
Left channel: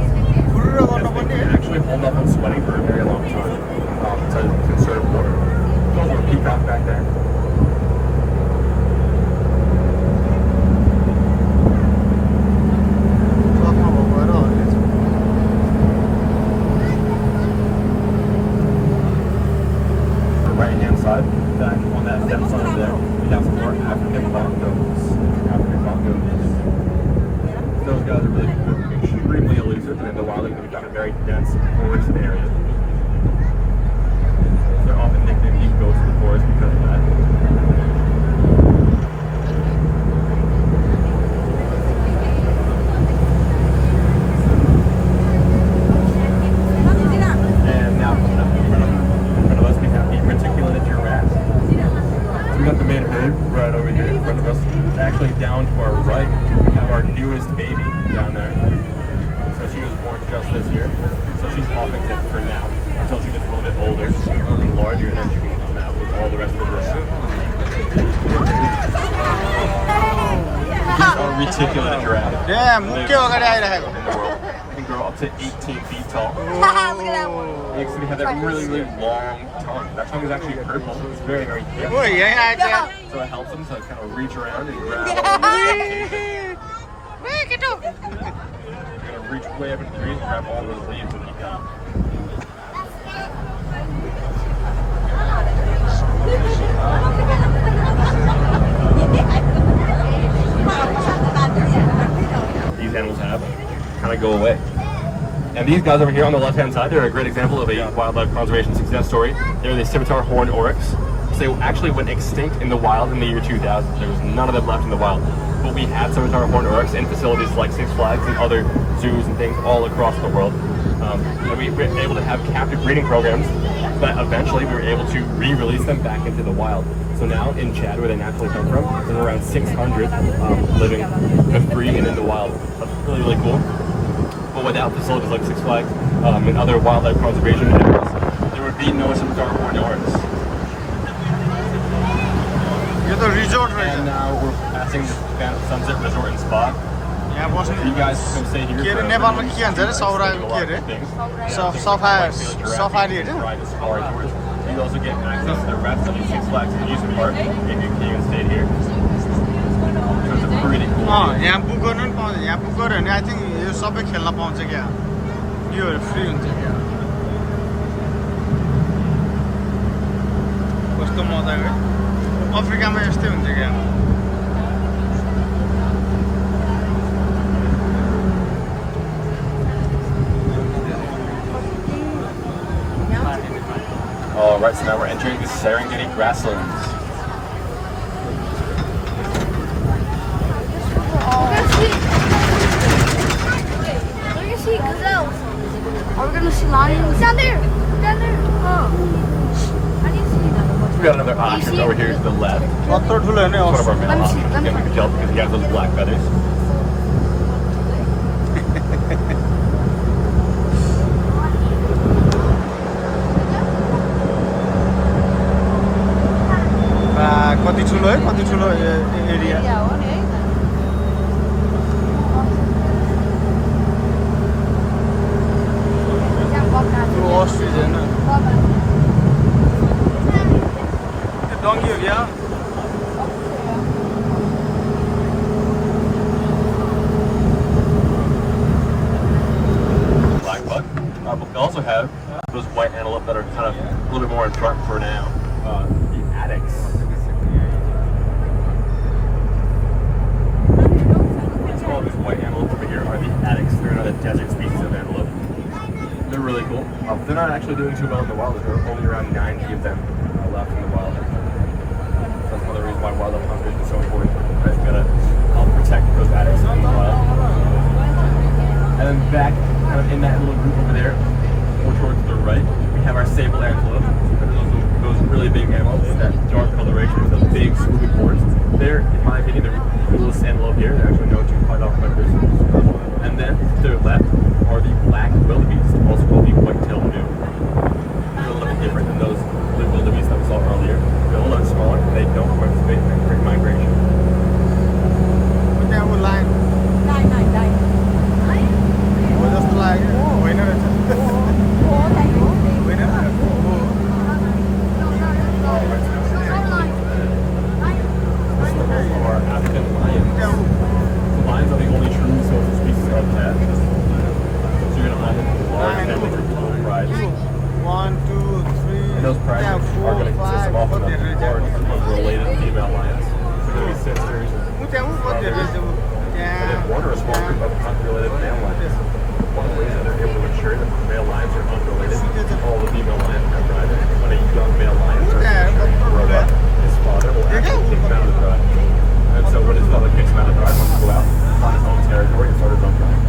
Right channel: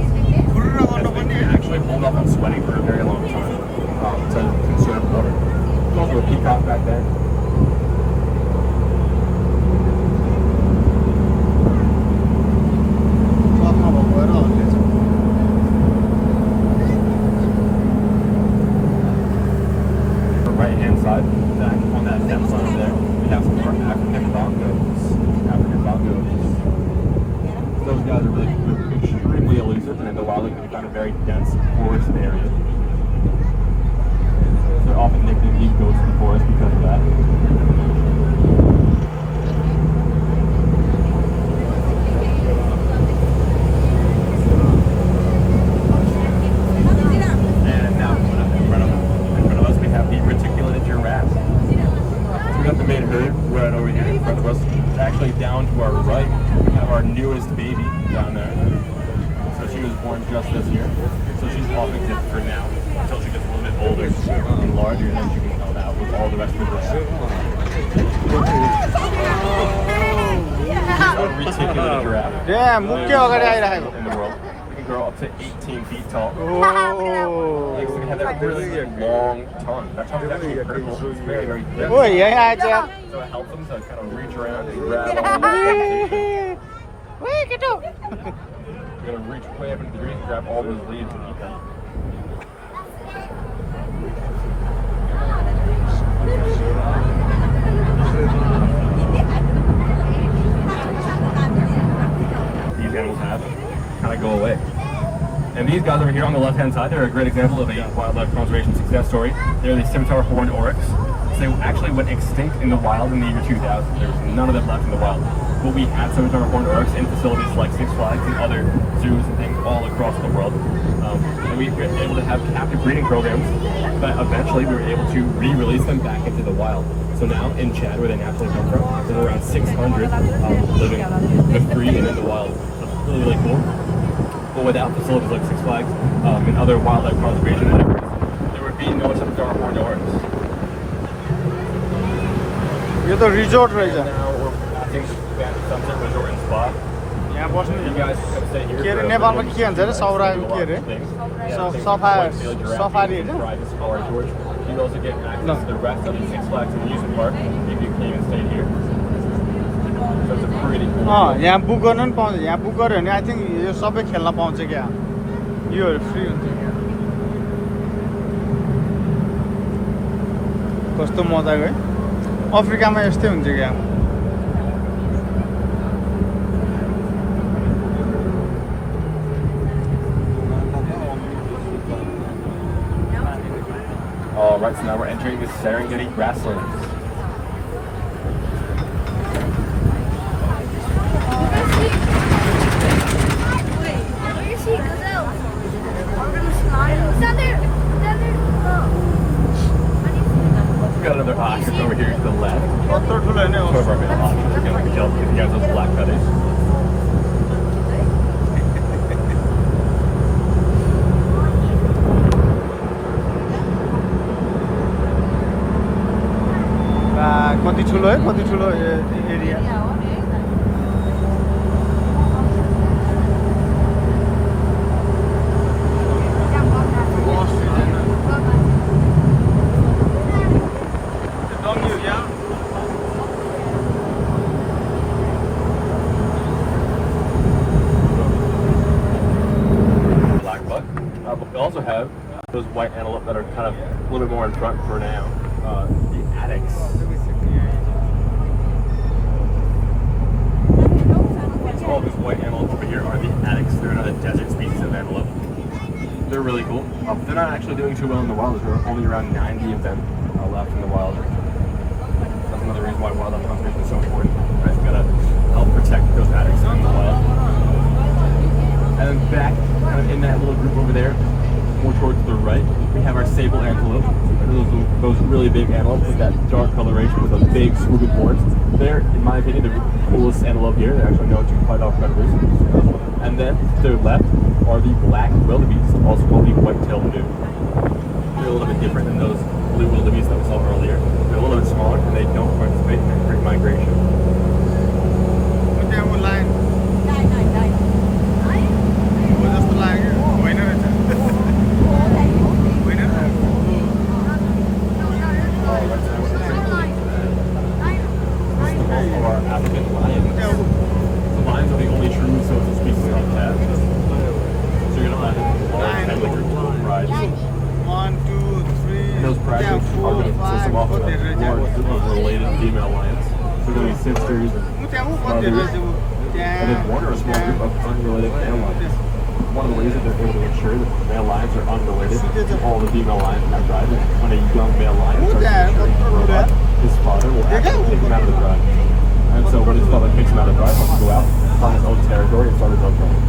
And they can actually hold up on sweating for a very long time to conserve water. There's also a peacock back there. Right-hand side, then on that depth line over there, we have some more African bongos. Those guys are really extremely elusive, and in the wild they can become a very dense forest area. They're often nicknamed the ghosts of the forest because of that. And now in front of us we have the reticulated giraffe. So we got the main herd right over here in front of us. Actually down to our right, we have our newest baby down there. So she was born just this year. So she's off except for now until she gets a little bit older and larger, and then she can come out with all the rest of her sheep. These are reticulated giraffe. Yeah, They're mukke the agadi tallest airakheko. in the world. They can grow up to 18 feet tall. Oh. So they have that really long tongue. That tongue is actually purple. It's very thick. Oh, yeah, yeah. So it helps them to kind of reach around and grab all these vegetation. You're going to reach way up into the trees, grab all these leaves and eat them. These animals have kind of go away. And these guys over here on the left-hand side, they're a great example of a wildlife conservation success story. They're the scimitar horned oryx. So they actually went extinct in the wild in the year 2000. There was none of them left in the wild. But we had scimitar horned oryx in facilities like Six Flags and other zoos and things all across the world. And we were able to have captive breeding programs, but eventually we were able to re-release them back into the wild. So now in Chad, where they naturally come from, there's around 600 living free and in the wild. That's really cool. But without facilities like Six Flags and other wildlife conservation efforts, there would be no scimitar horned oryx. You're the resort And right now we're passing the Sunset Resort and Spa. यहाँ बस्नु You guys come stay here. के अरे नेपालमा के भन्छ अरे सौराको के अरे सफारी होइन Private safari tours. You also get access to the rest of the Six Flags amusement park if you came and stayed here. So it's a pretty cool. यहाँ बुक गर्नु पनि पाउँछ यहाँ बुक गर्यो भने आई थिङ्क यो सबै खेल्न पाउँछ क्या योहरू फ्री हुन्छ क्या कस्तो मजाको अफ्रिकामा यस्तै हुन्छ क्या Alright, so now we're entering the Serengeti grasslands. Down there. We got another ostrich over here to the left. कत्रो ठुलो होइन One of our male ostriches. Again, we can tell because he has those black feathers. कति ठुलो है कति ठुलो area ostrich होइन डङ्गी हो क्या Black buck. But we also have those white antelope that are kind of a little bit more in front for now. The addax. So all these white antelope over here are the addax. They're another desert species of antelope. They're really cool. They're not actually doing too well in the wild. There are only around 90 of them left in the wild. That's another reason why wildlife conservation is so important. Right? We've got to help protect those addax in the wild. And then back, kind of in that little group over there, more towards the right, we have our sable antelope. Those really big antelope with that dark coloration with the big swooping horns. They're, in my opinion, the coolest antelope here. They're actually known to fight off predators. And then to the left are the black wildebeest, also called the white-tailed gnu. They're a little bit different than those blue wildebeest that we saw earlier. They're a little bit smaller, and they don't participate in quick migration. What the hell line? What is the line? Winner. African lion. The lions are the only true social species of cat. So you're gonna find them with pride. 1, 2, 3. And those prides are going to consist of often a large group of related female lions. So they're going to be sisters and brothers. And then one or a small group of unrelated male lions. One of the ways that they're able to ensure that the male lions are unrelated to all the female lions in that pride is when a young male lion starts to grow up, his father will actually kick him out of the pride. And so when his father kicks him out of the pride, he'll go out, find his own territory, and start his own pride.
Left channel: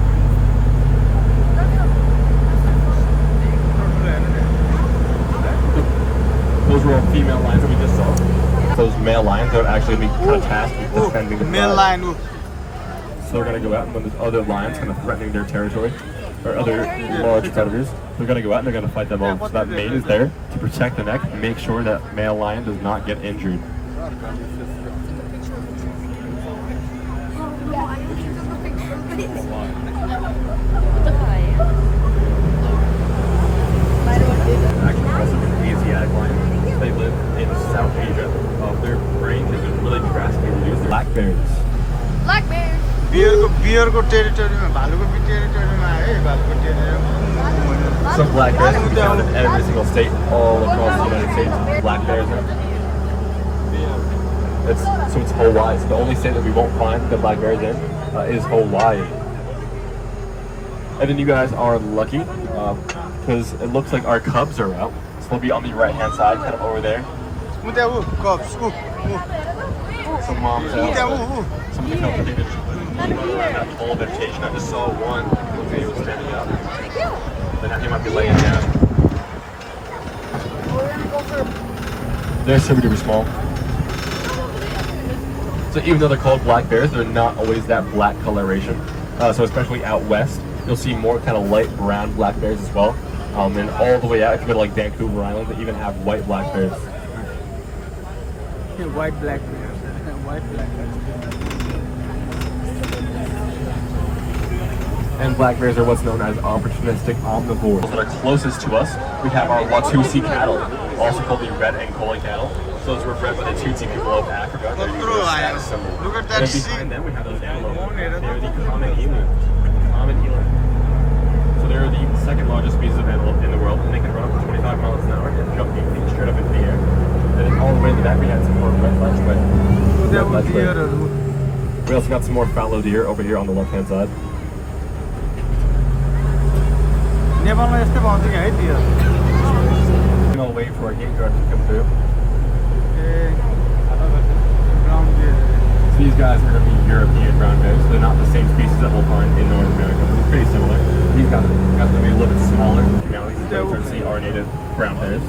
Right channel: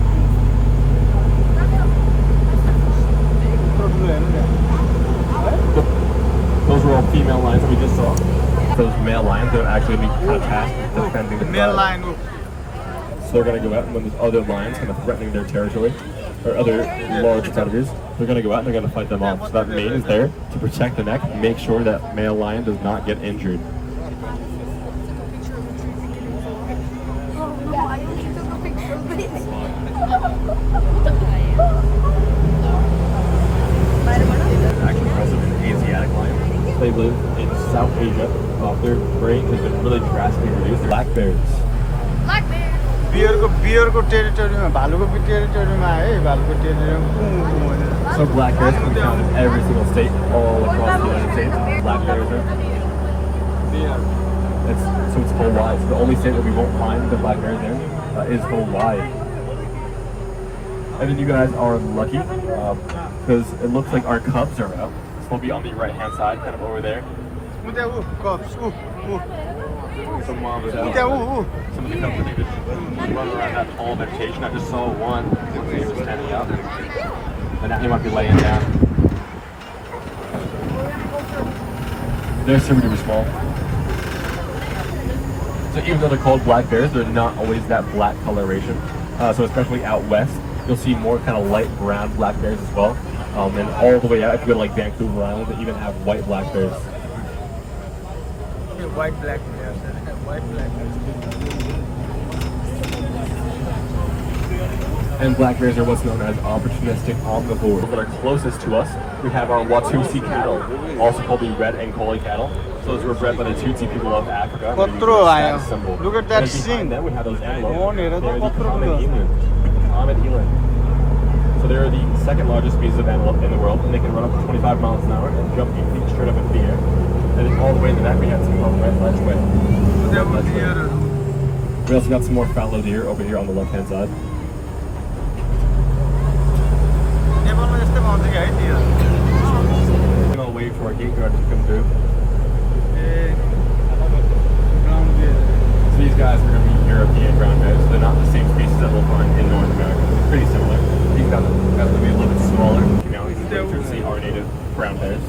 Those were all female lions that we just saw. Those male lions, they're actually be kind of tasked with defending the Male pride. line. So they're going to go out, and when there's other lions kind of threatening their territory, or other large predators, they're going to go out and they're going to fight them off. So that mane is there to protect the neck, make sure that male lion does not get injured. Actually, impressive is an Asiatic lion. They live in South Asia. Their range has been really drastically reduced. Black bears. Black bear. बियरको टेरिटोरीमा भालुको टेरिटोरीमा है भालुको territory So black bears can be found in every single state all across the United States. Black bears are. It's Hawaii. It's the only state that we won't find the black bears in is Hawaii. And then you guys are lucky because it looks like our cubs are out. So they'll be on the right hand side, kind of over there. Cubs. Some moms out. Some of the cubs are running around that tall vegetation. I just saw one. Looks like he was standing up. But now he might be laying down. They're super small. So even though they're called black bears, they're not always that black coloration. So especially out west, you'll see more kind of light brown black bears as well. And all the way out, if you go to like Vancouver Island, they even have white black bears. White black bears. White black bears. And black bears are what's known as opportunistic omnivores. That are closest to us, we have our Watusi cattle, also called the red Ankole cattle. So those were bred by the Tutsi people of Africa. They're usually a status symbol. Look at that and scene. behind them we have those antelope. They're the common eland. Common eland. So they're the second largest species of antelope in the world, and they can run up to 25 miles an hour and jump straight up into the air. And then all the way in the back we had some more red ledgeway. We also got some more fallow deer over here on the left-hand side. We're gonna wait for a gate guard to come through. So these guys are going to be European brown bears. They're not the same species that we'll find in North America. They're pretty similar. These guys are going to be a little bit smaller. Now these New-Jersey are native brown bears.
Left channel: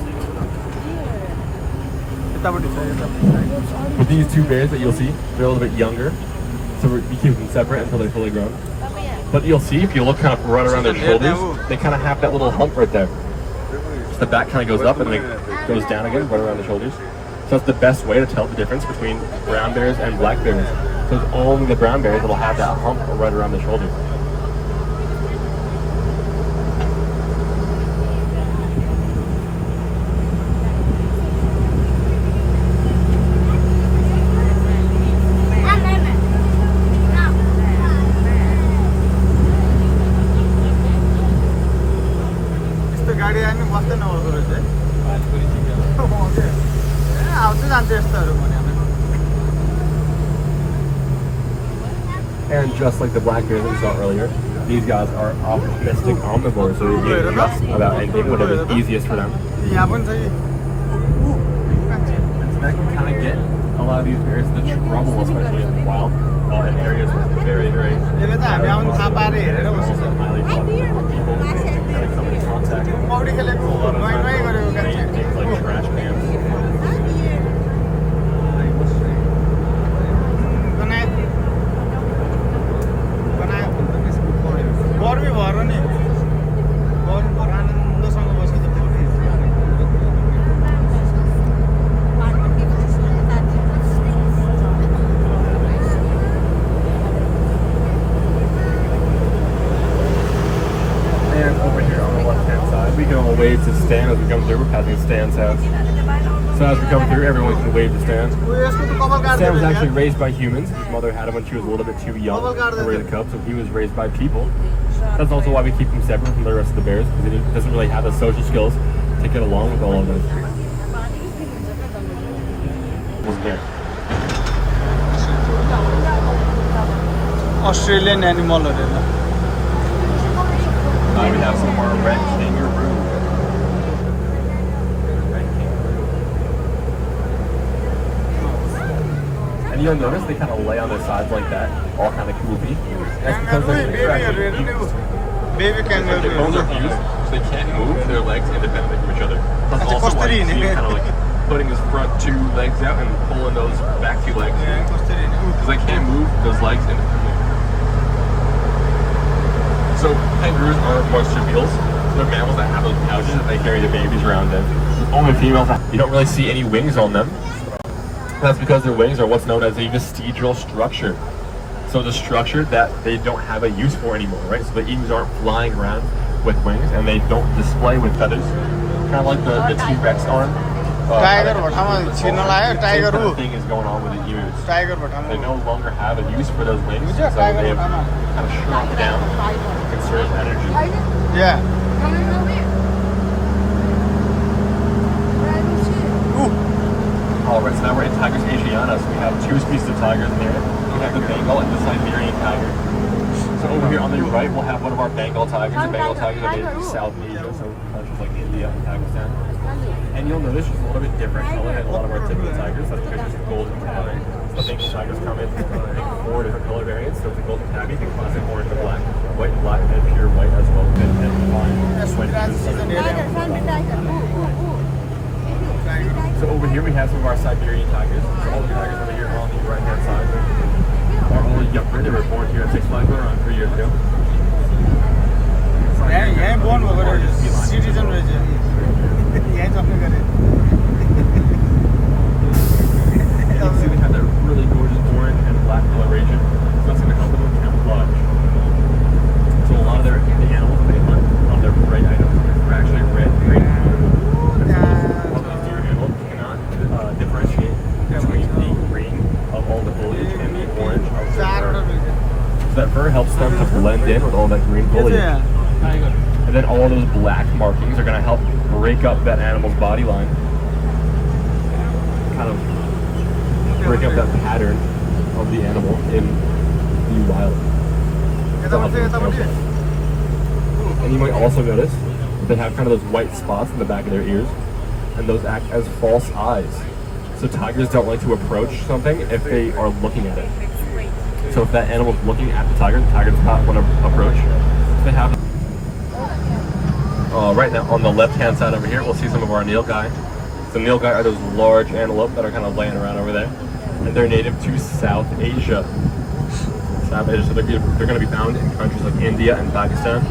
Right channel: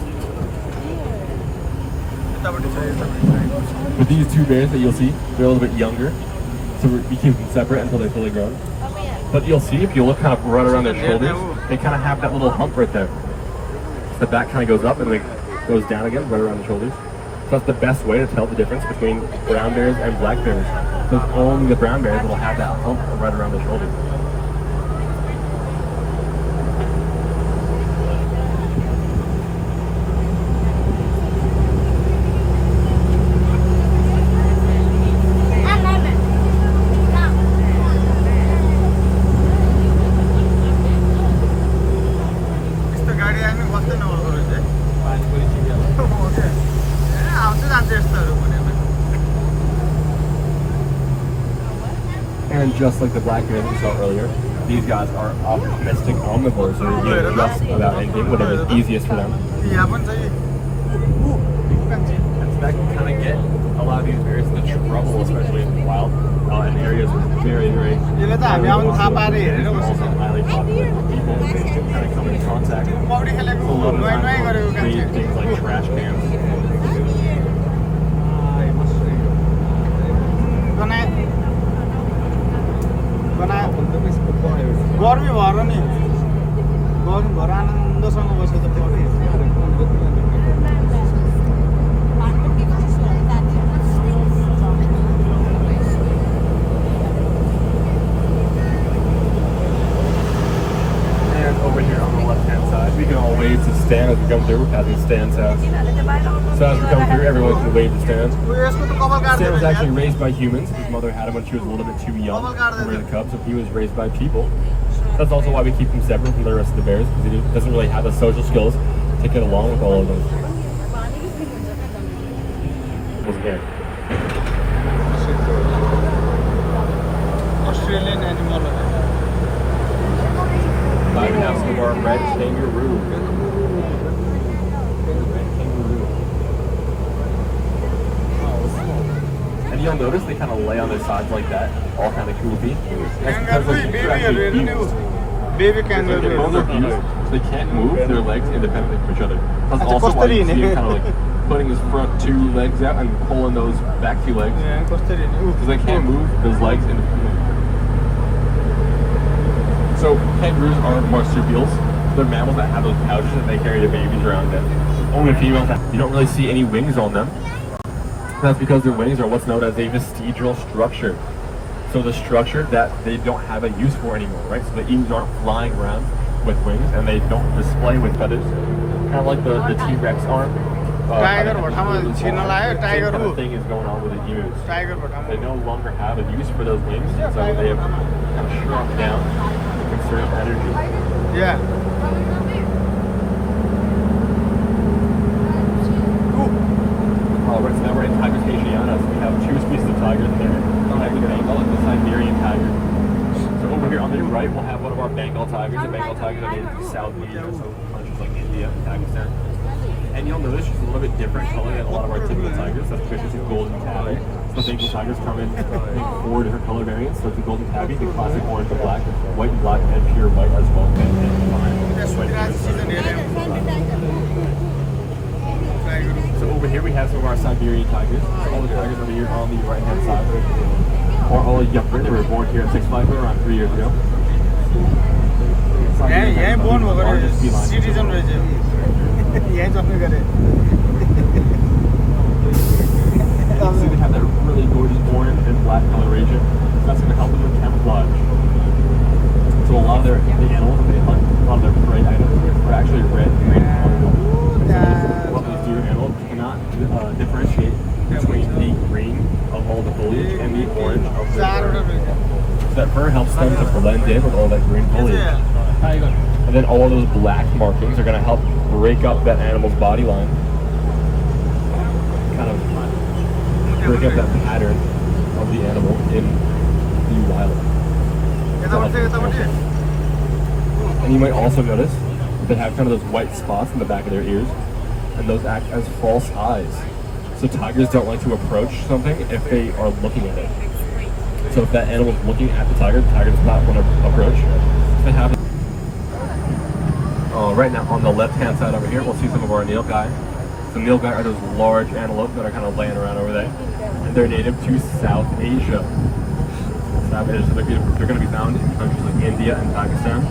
But these two bears that you'll see, they're a little bit younger. So we keep them separate until they're fully grown. But you'll see, if you look kind of run around their shoulders, they kind of have that little hump right there. So the back kind of goes up and then goes down again, right around the shoulders. So that's the best way to tell the difference between brown bears and black bears. So it's only the brown bears that'll have that hump right around the shoulder. गाडी आयो नि बस्दै नबस्दो रहेछ है आउँछ जान्छ यस्तोहरू भने And just like the black bears that we saw earlier, these guys are opportunistic omnivores, so they eat just about anything, whatever is easiest for them. यहाँ पनि छ So that can kind of get a lot of these bears into trouble, especially in the wild, in areas with very, very यसले त हामी आउनु थाहा पाएर हेरेर also बस्छ highly popular for people to kind of come in contact. पौडी खेलेको A lot of नुहाइ नुहाइ गरेको times they कान्छे eat things like trash cans. गर्मी भएर नि गर्मी भएर आनन्दसँग बसेको छ पौडी And over here on the left-hand side, we can all wave to Stan as we come through. We're passing Stan's house. So as we come through, everyone can wave to Stan. यसको त कपाल Stan was काट्दैन actually raised by humans. His mother had him when she was a little bit too young to raise a cub, so he was raised by people. That's also why we keep him separate from the rest of the bears, because he doesn't really have the social skills to get along with all of them. Was there. Australian एनिमलहरू Now we have some of our red kangaroo. Red kangaroo. And you'll notice they kind of lay on their sides like that, all kind of creepy. That's because क्याङ्गरू they're बेबीहरू हेर्नु नि actually baby Their bones क्याङ्गरूहरू are fused, so they can't move their legs independently from each other. That's That's also why you custody, see him ne? kind of like putting his front two legs out and pulling those back two legs. कसरी नि Because they can't move those legs independently. So kangaroos aren't marsupials. They're mammals that have those pouches that they carry their babies around in. Only females have. You don't really see any wings on them. That's because their wings are what's known as a vestigial structure. So the structure that they don't have a use for anymore, right? So the emus aren't flying around with wings and they don't display with feathers. Kind of like the T-Rex arm. Tiger भटामा छिर्न लाग्यो Same tiger kind हो of thing is going on with the emus. Tiger भटामा They no longer have a use for those wings, so they have kind of shrunk down to conserve energy. या All right, so now we're in Tigris asiatus. We have two species of tigers there. We have the Bengal and the Siberian tiger. So over here on the right, we'll have one of our Bengal tigers. The Bengal tigers are native to South Asia, so countries like India and Pakistan. And you'll notice she's a little bit different color than a lot of our typical tigers. That's because she's a golden tabby. So the Bengal tigers come in, I think, 4 different color variants. So it's the golden tabby, the classic orange and black, white and black, and pure white as well. So over here we have some of our Siberian tigers. So all the tigers over here on the right hand side are all younger. They were born here at Six Flags around 3 years ago. यहाँ bone भएको Largest feline. Citizen रहेछ यहाँ जम्मै गरे You can see we have that really gorgeous orange and black coloration. That's going to help them with camouflage. So a lot of the animals that they hunt, a lot of their prey items are actually red, green, These deer animals cannot differentiate between the green of all the foliage and the orange of the चारवटा fur. रहेछ So that fur helps them to blend in with all that green foliage. And then all of those black markings are going to help break up that animal's body line. Kind of break up that pattern of the animal in the wild. And you might also notice that they have kind of those white spots in the back of their ears, and those act as false eyes. So tigers don't like to approach something if they are looking at it. So if that animal's looking at the tiger does not want to approach. They have right now on the left-hand side over here, we'll see some of our nilgai. The nilgai are those large antelope that are kind of laying around over there, and they're native to South Asia. South Asia, so they're going to be found in countries like India and Pakistan.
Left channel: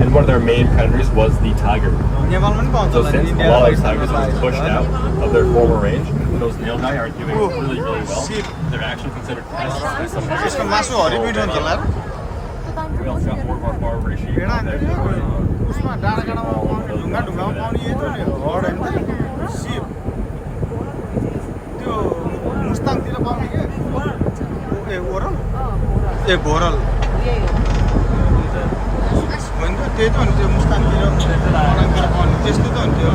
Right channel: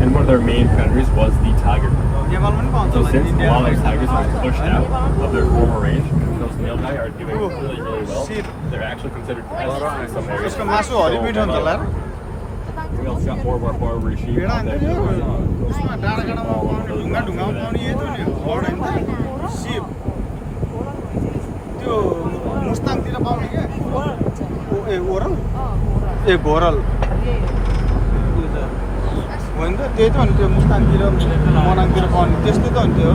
And one of their main predators was the tiger. नेपालमा पनि पाउँछ So होला नि since a lot of those इन्डियामा tigers have been pushed out of their former range, those nilgai are doing Ooh, really, really well. sheep. They're actually considered pests in some areas. यसको मासु हरिमिठो हुन्छ होला र We also got more of our Barbary sheep भेडा out हान्थ्यो there. नि उसमा डाँडा काँडामा पाउने ढुङ्गामा पाउने यही त नि हर्ड होइन त सिप त्यो मुस्ताङतिर पाउने क्या ए ओरल ए घोरल होइन त त्यही त हुन्थ्यो मुस्तानतिर मनाङतिर पनि त्यस्तै त हुन्थ्यो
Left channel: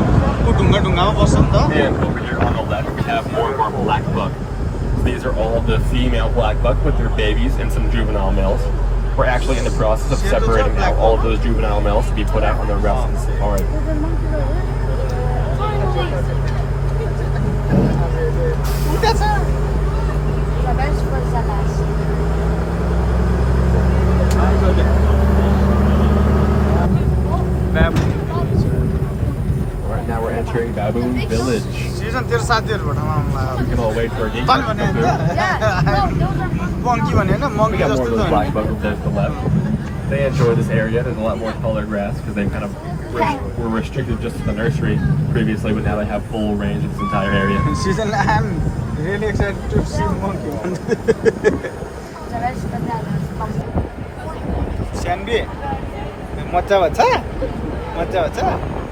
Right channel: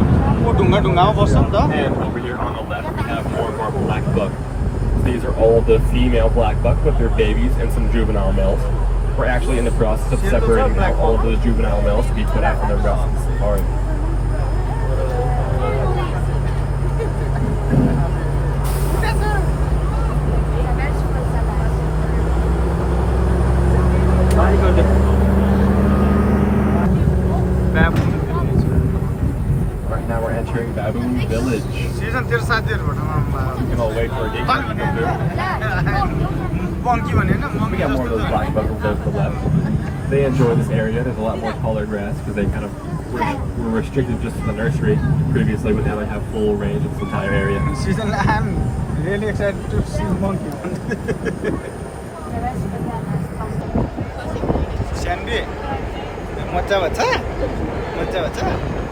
ऊ ढुङ्गामा बस्छ नि त And over here on the left, we have more and more black buck. These are all the female black buck with their babies and some juvenile males. We're actually in the process of separating out all of those juvenile males to be put out for the rest of the safari. Baboon village. Right now we're entering Baboon Village. Season तेरो साथीहरुबाट You can all wait for a date. monkey भने हैन We monkey got more of जस्तो those त black buck over there to the left. They enjoy this area. There's a lot more taller grass because they kind of were restricted just to the nursery previously, but now they have full range of this entire area. Season I'm really excited to see monkey. Shanbi मजा भन्छ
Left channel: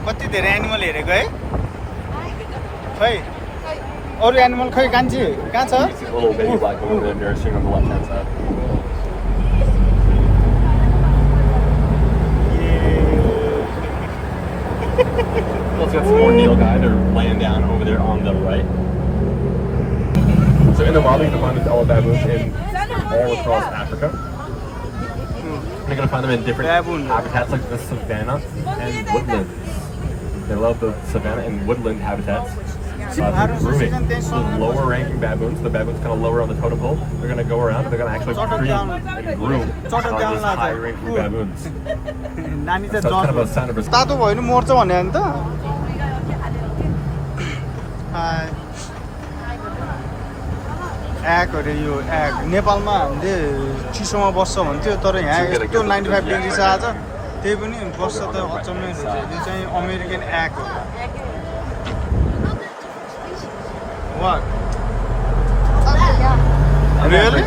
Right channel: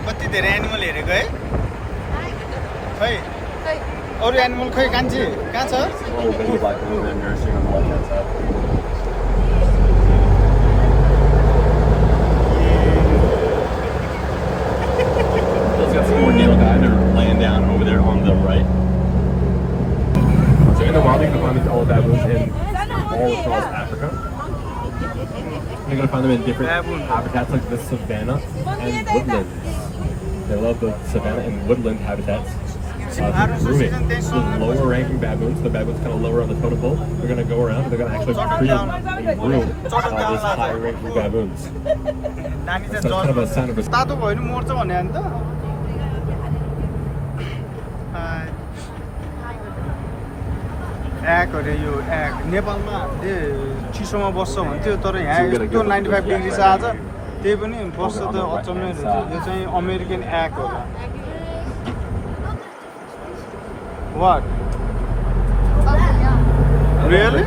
कति धेरै animal हेरेको है खै अरु animal खै कान्छी कहाँ छ A little baby black over there nursing on the left-hand side. Let's got some more nilgai. They're laying down over there on the right. So in the wild, you can find these olive baboons in all across Africa. You're going to find them in different habitats like the savanna and woodlands. They love the savanna and woodland habitats. Those lower ranking baboons, the baboons kind of lower on the totem pole, they're going to go around and they're going to actually breed and groom those high ranking baboons. So it's kind of a sign of respect. तातो भयो नि मर्छ भने हैन त egg अरे यो egg नेपालमा हामीले चिसोमा बस्छ भन्थ्यो तर यहाँ यस्तो 95 डिग्री छ आज त्यही पनि बस्छ त अचम्मै रहेछ यो चाहिँ अमेरिकन एग होला What? Really?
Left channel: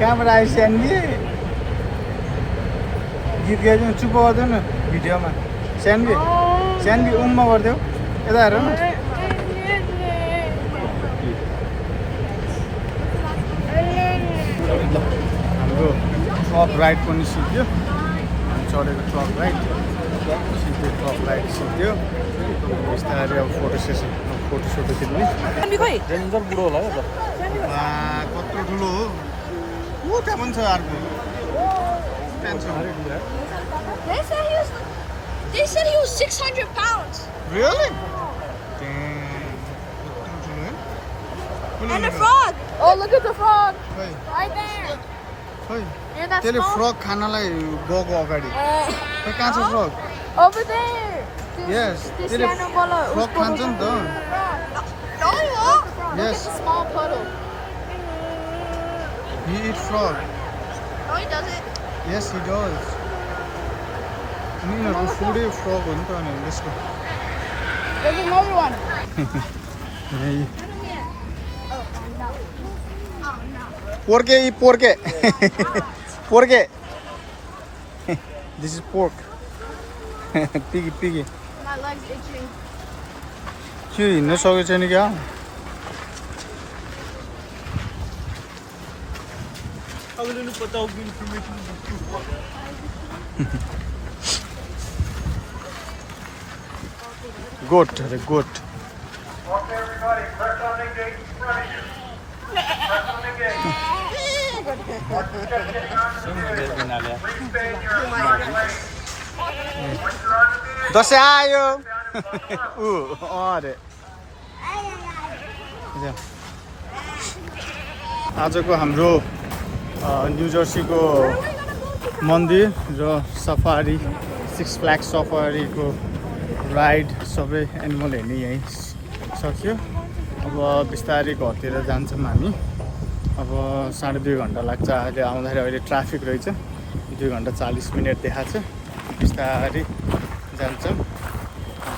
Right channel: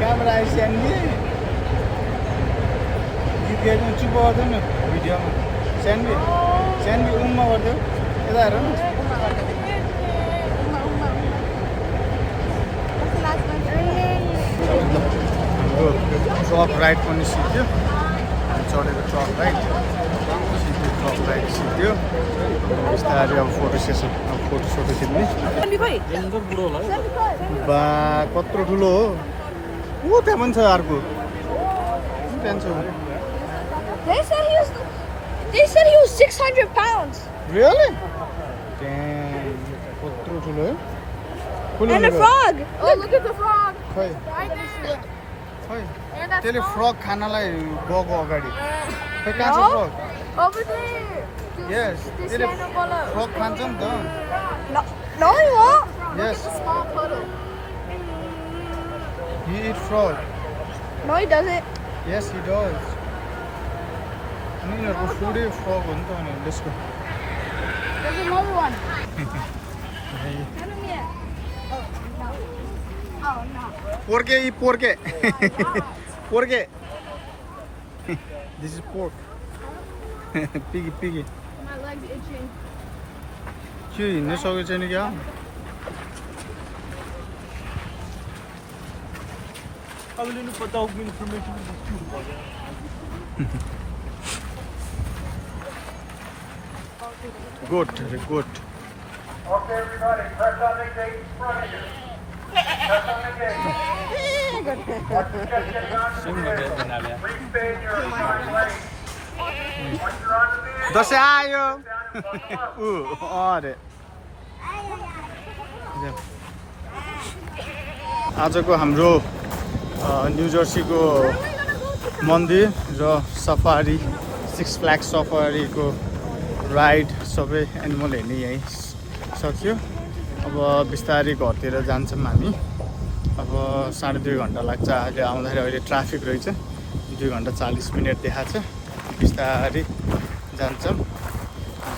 Camera Sandy. गीत गाइदिनु चुप गर्दैन भिडियोमा Sandy उम्मा गर्देऊ यता हेर न ल हाम्रो ट्रक राइड पनि सिक्यो हामी चढेको ट्रक राइड सिक्यो ट्रक राइड सिक्यो बिस्तारै अब फोटो सेसन अब फोटो खिच्ने डेन्जर बुढो होला बा कत्रो ठुलो हो ऊ त्यहाँ पनि छ अर्को They said he was 600 pounds. Really? Damn. कत्रो ठुलो है And a frog. Oh, look at the frog. खै Right there. खै त्यसले फ्रग खानलाई गएको अगाडि खै कहाँ छ फ्रग Over there. यस त्यसले फ्रग खान्छ नि त No, he won't. Yes. Look at the small puddle. He eat frog. No, he doesn't. Yes, he does. उनीहरूको फुडै फ्रग हो नि त अनि त्यसको There's another one. Oh, no. Porke eat porke. Porke. This is pork. Piggy. My leg's itching. के हिँड्न सकेको छैन क्या अलिअलि बताउ इन्फर्मेसन गोट अरे गोट Okay, everybody, press on the gate in front of you. Press on the gate. Once you just get on the gate, please stay in your assigned lane. Dashain आयो ऊ अरे आजको हाम्रो न्यू जर्सीको मन्दिर र सफारी 6 फ्ल्याग्स सफारीको राइड सबै animal हेर्ने यहीँ सक्यो अब बिस्तारै घरतिर जान्छौँ हामी अब 2.5 घन्टा लाग्छ अहिले आउँदाखेरि अहिले ट्राफिक रहेछ 2 घन्टा 40 मिनट देखाएको छ बिस्तारै जान्छौँ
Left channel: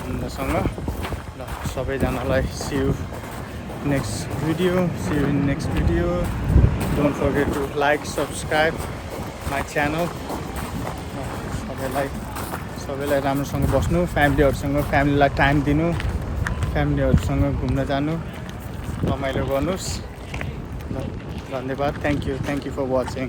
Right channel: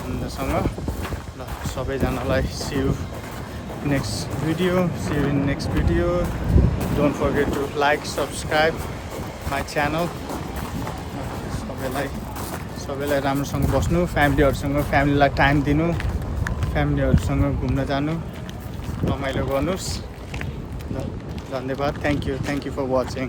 घुम्नसँग ल सबैजनालाई see you next video don't forget to like subscribe my channel सबैलाई राम्रोसँग बस्नु फ्यामिलीलाई टाइम दिनु फ्यामिलीहरूसँग घुम्न जानु रमाइलो गर्नुहोस् ल धन्यवाद थ्याङ्क यू फर वाचिङ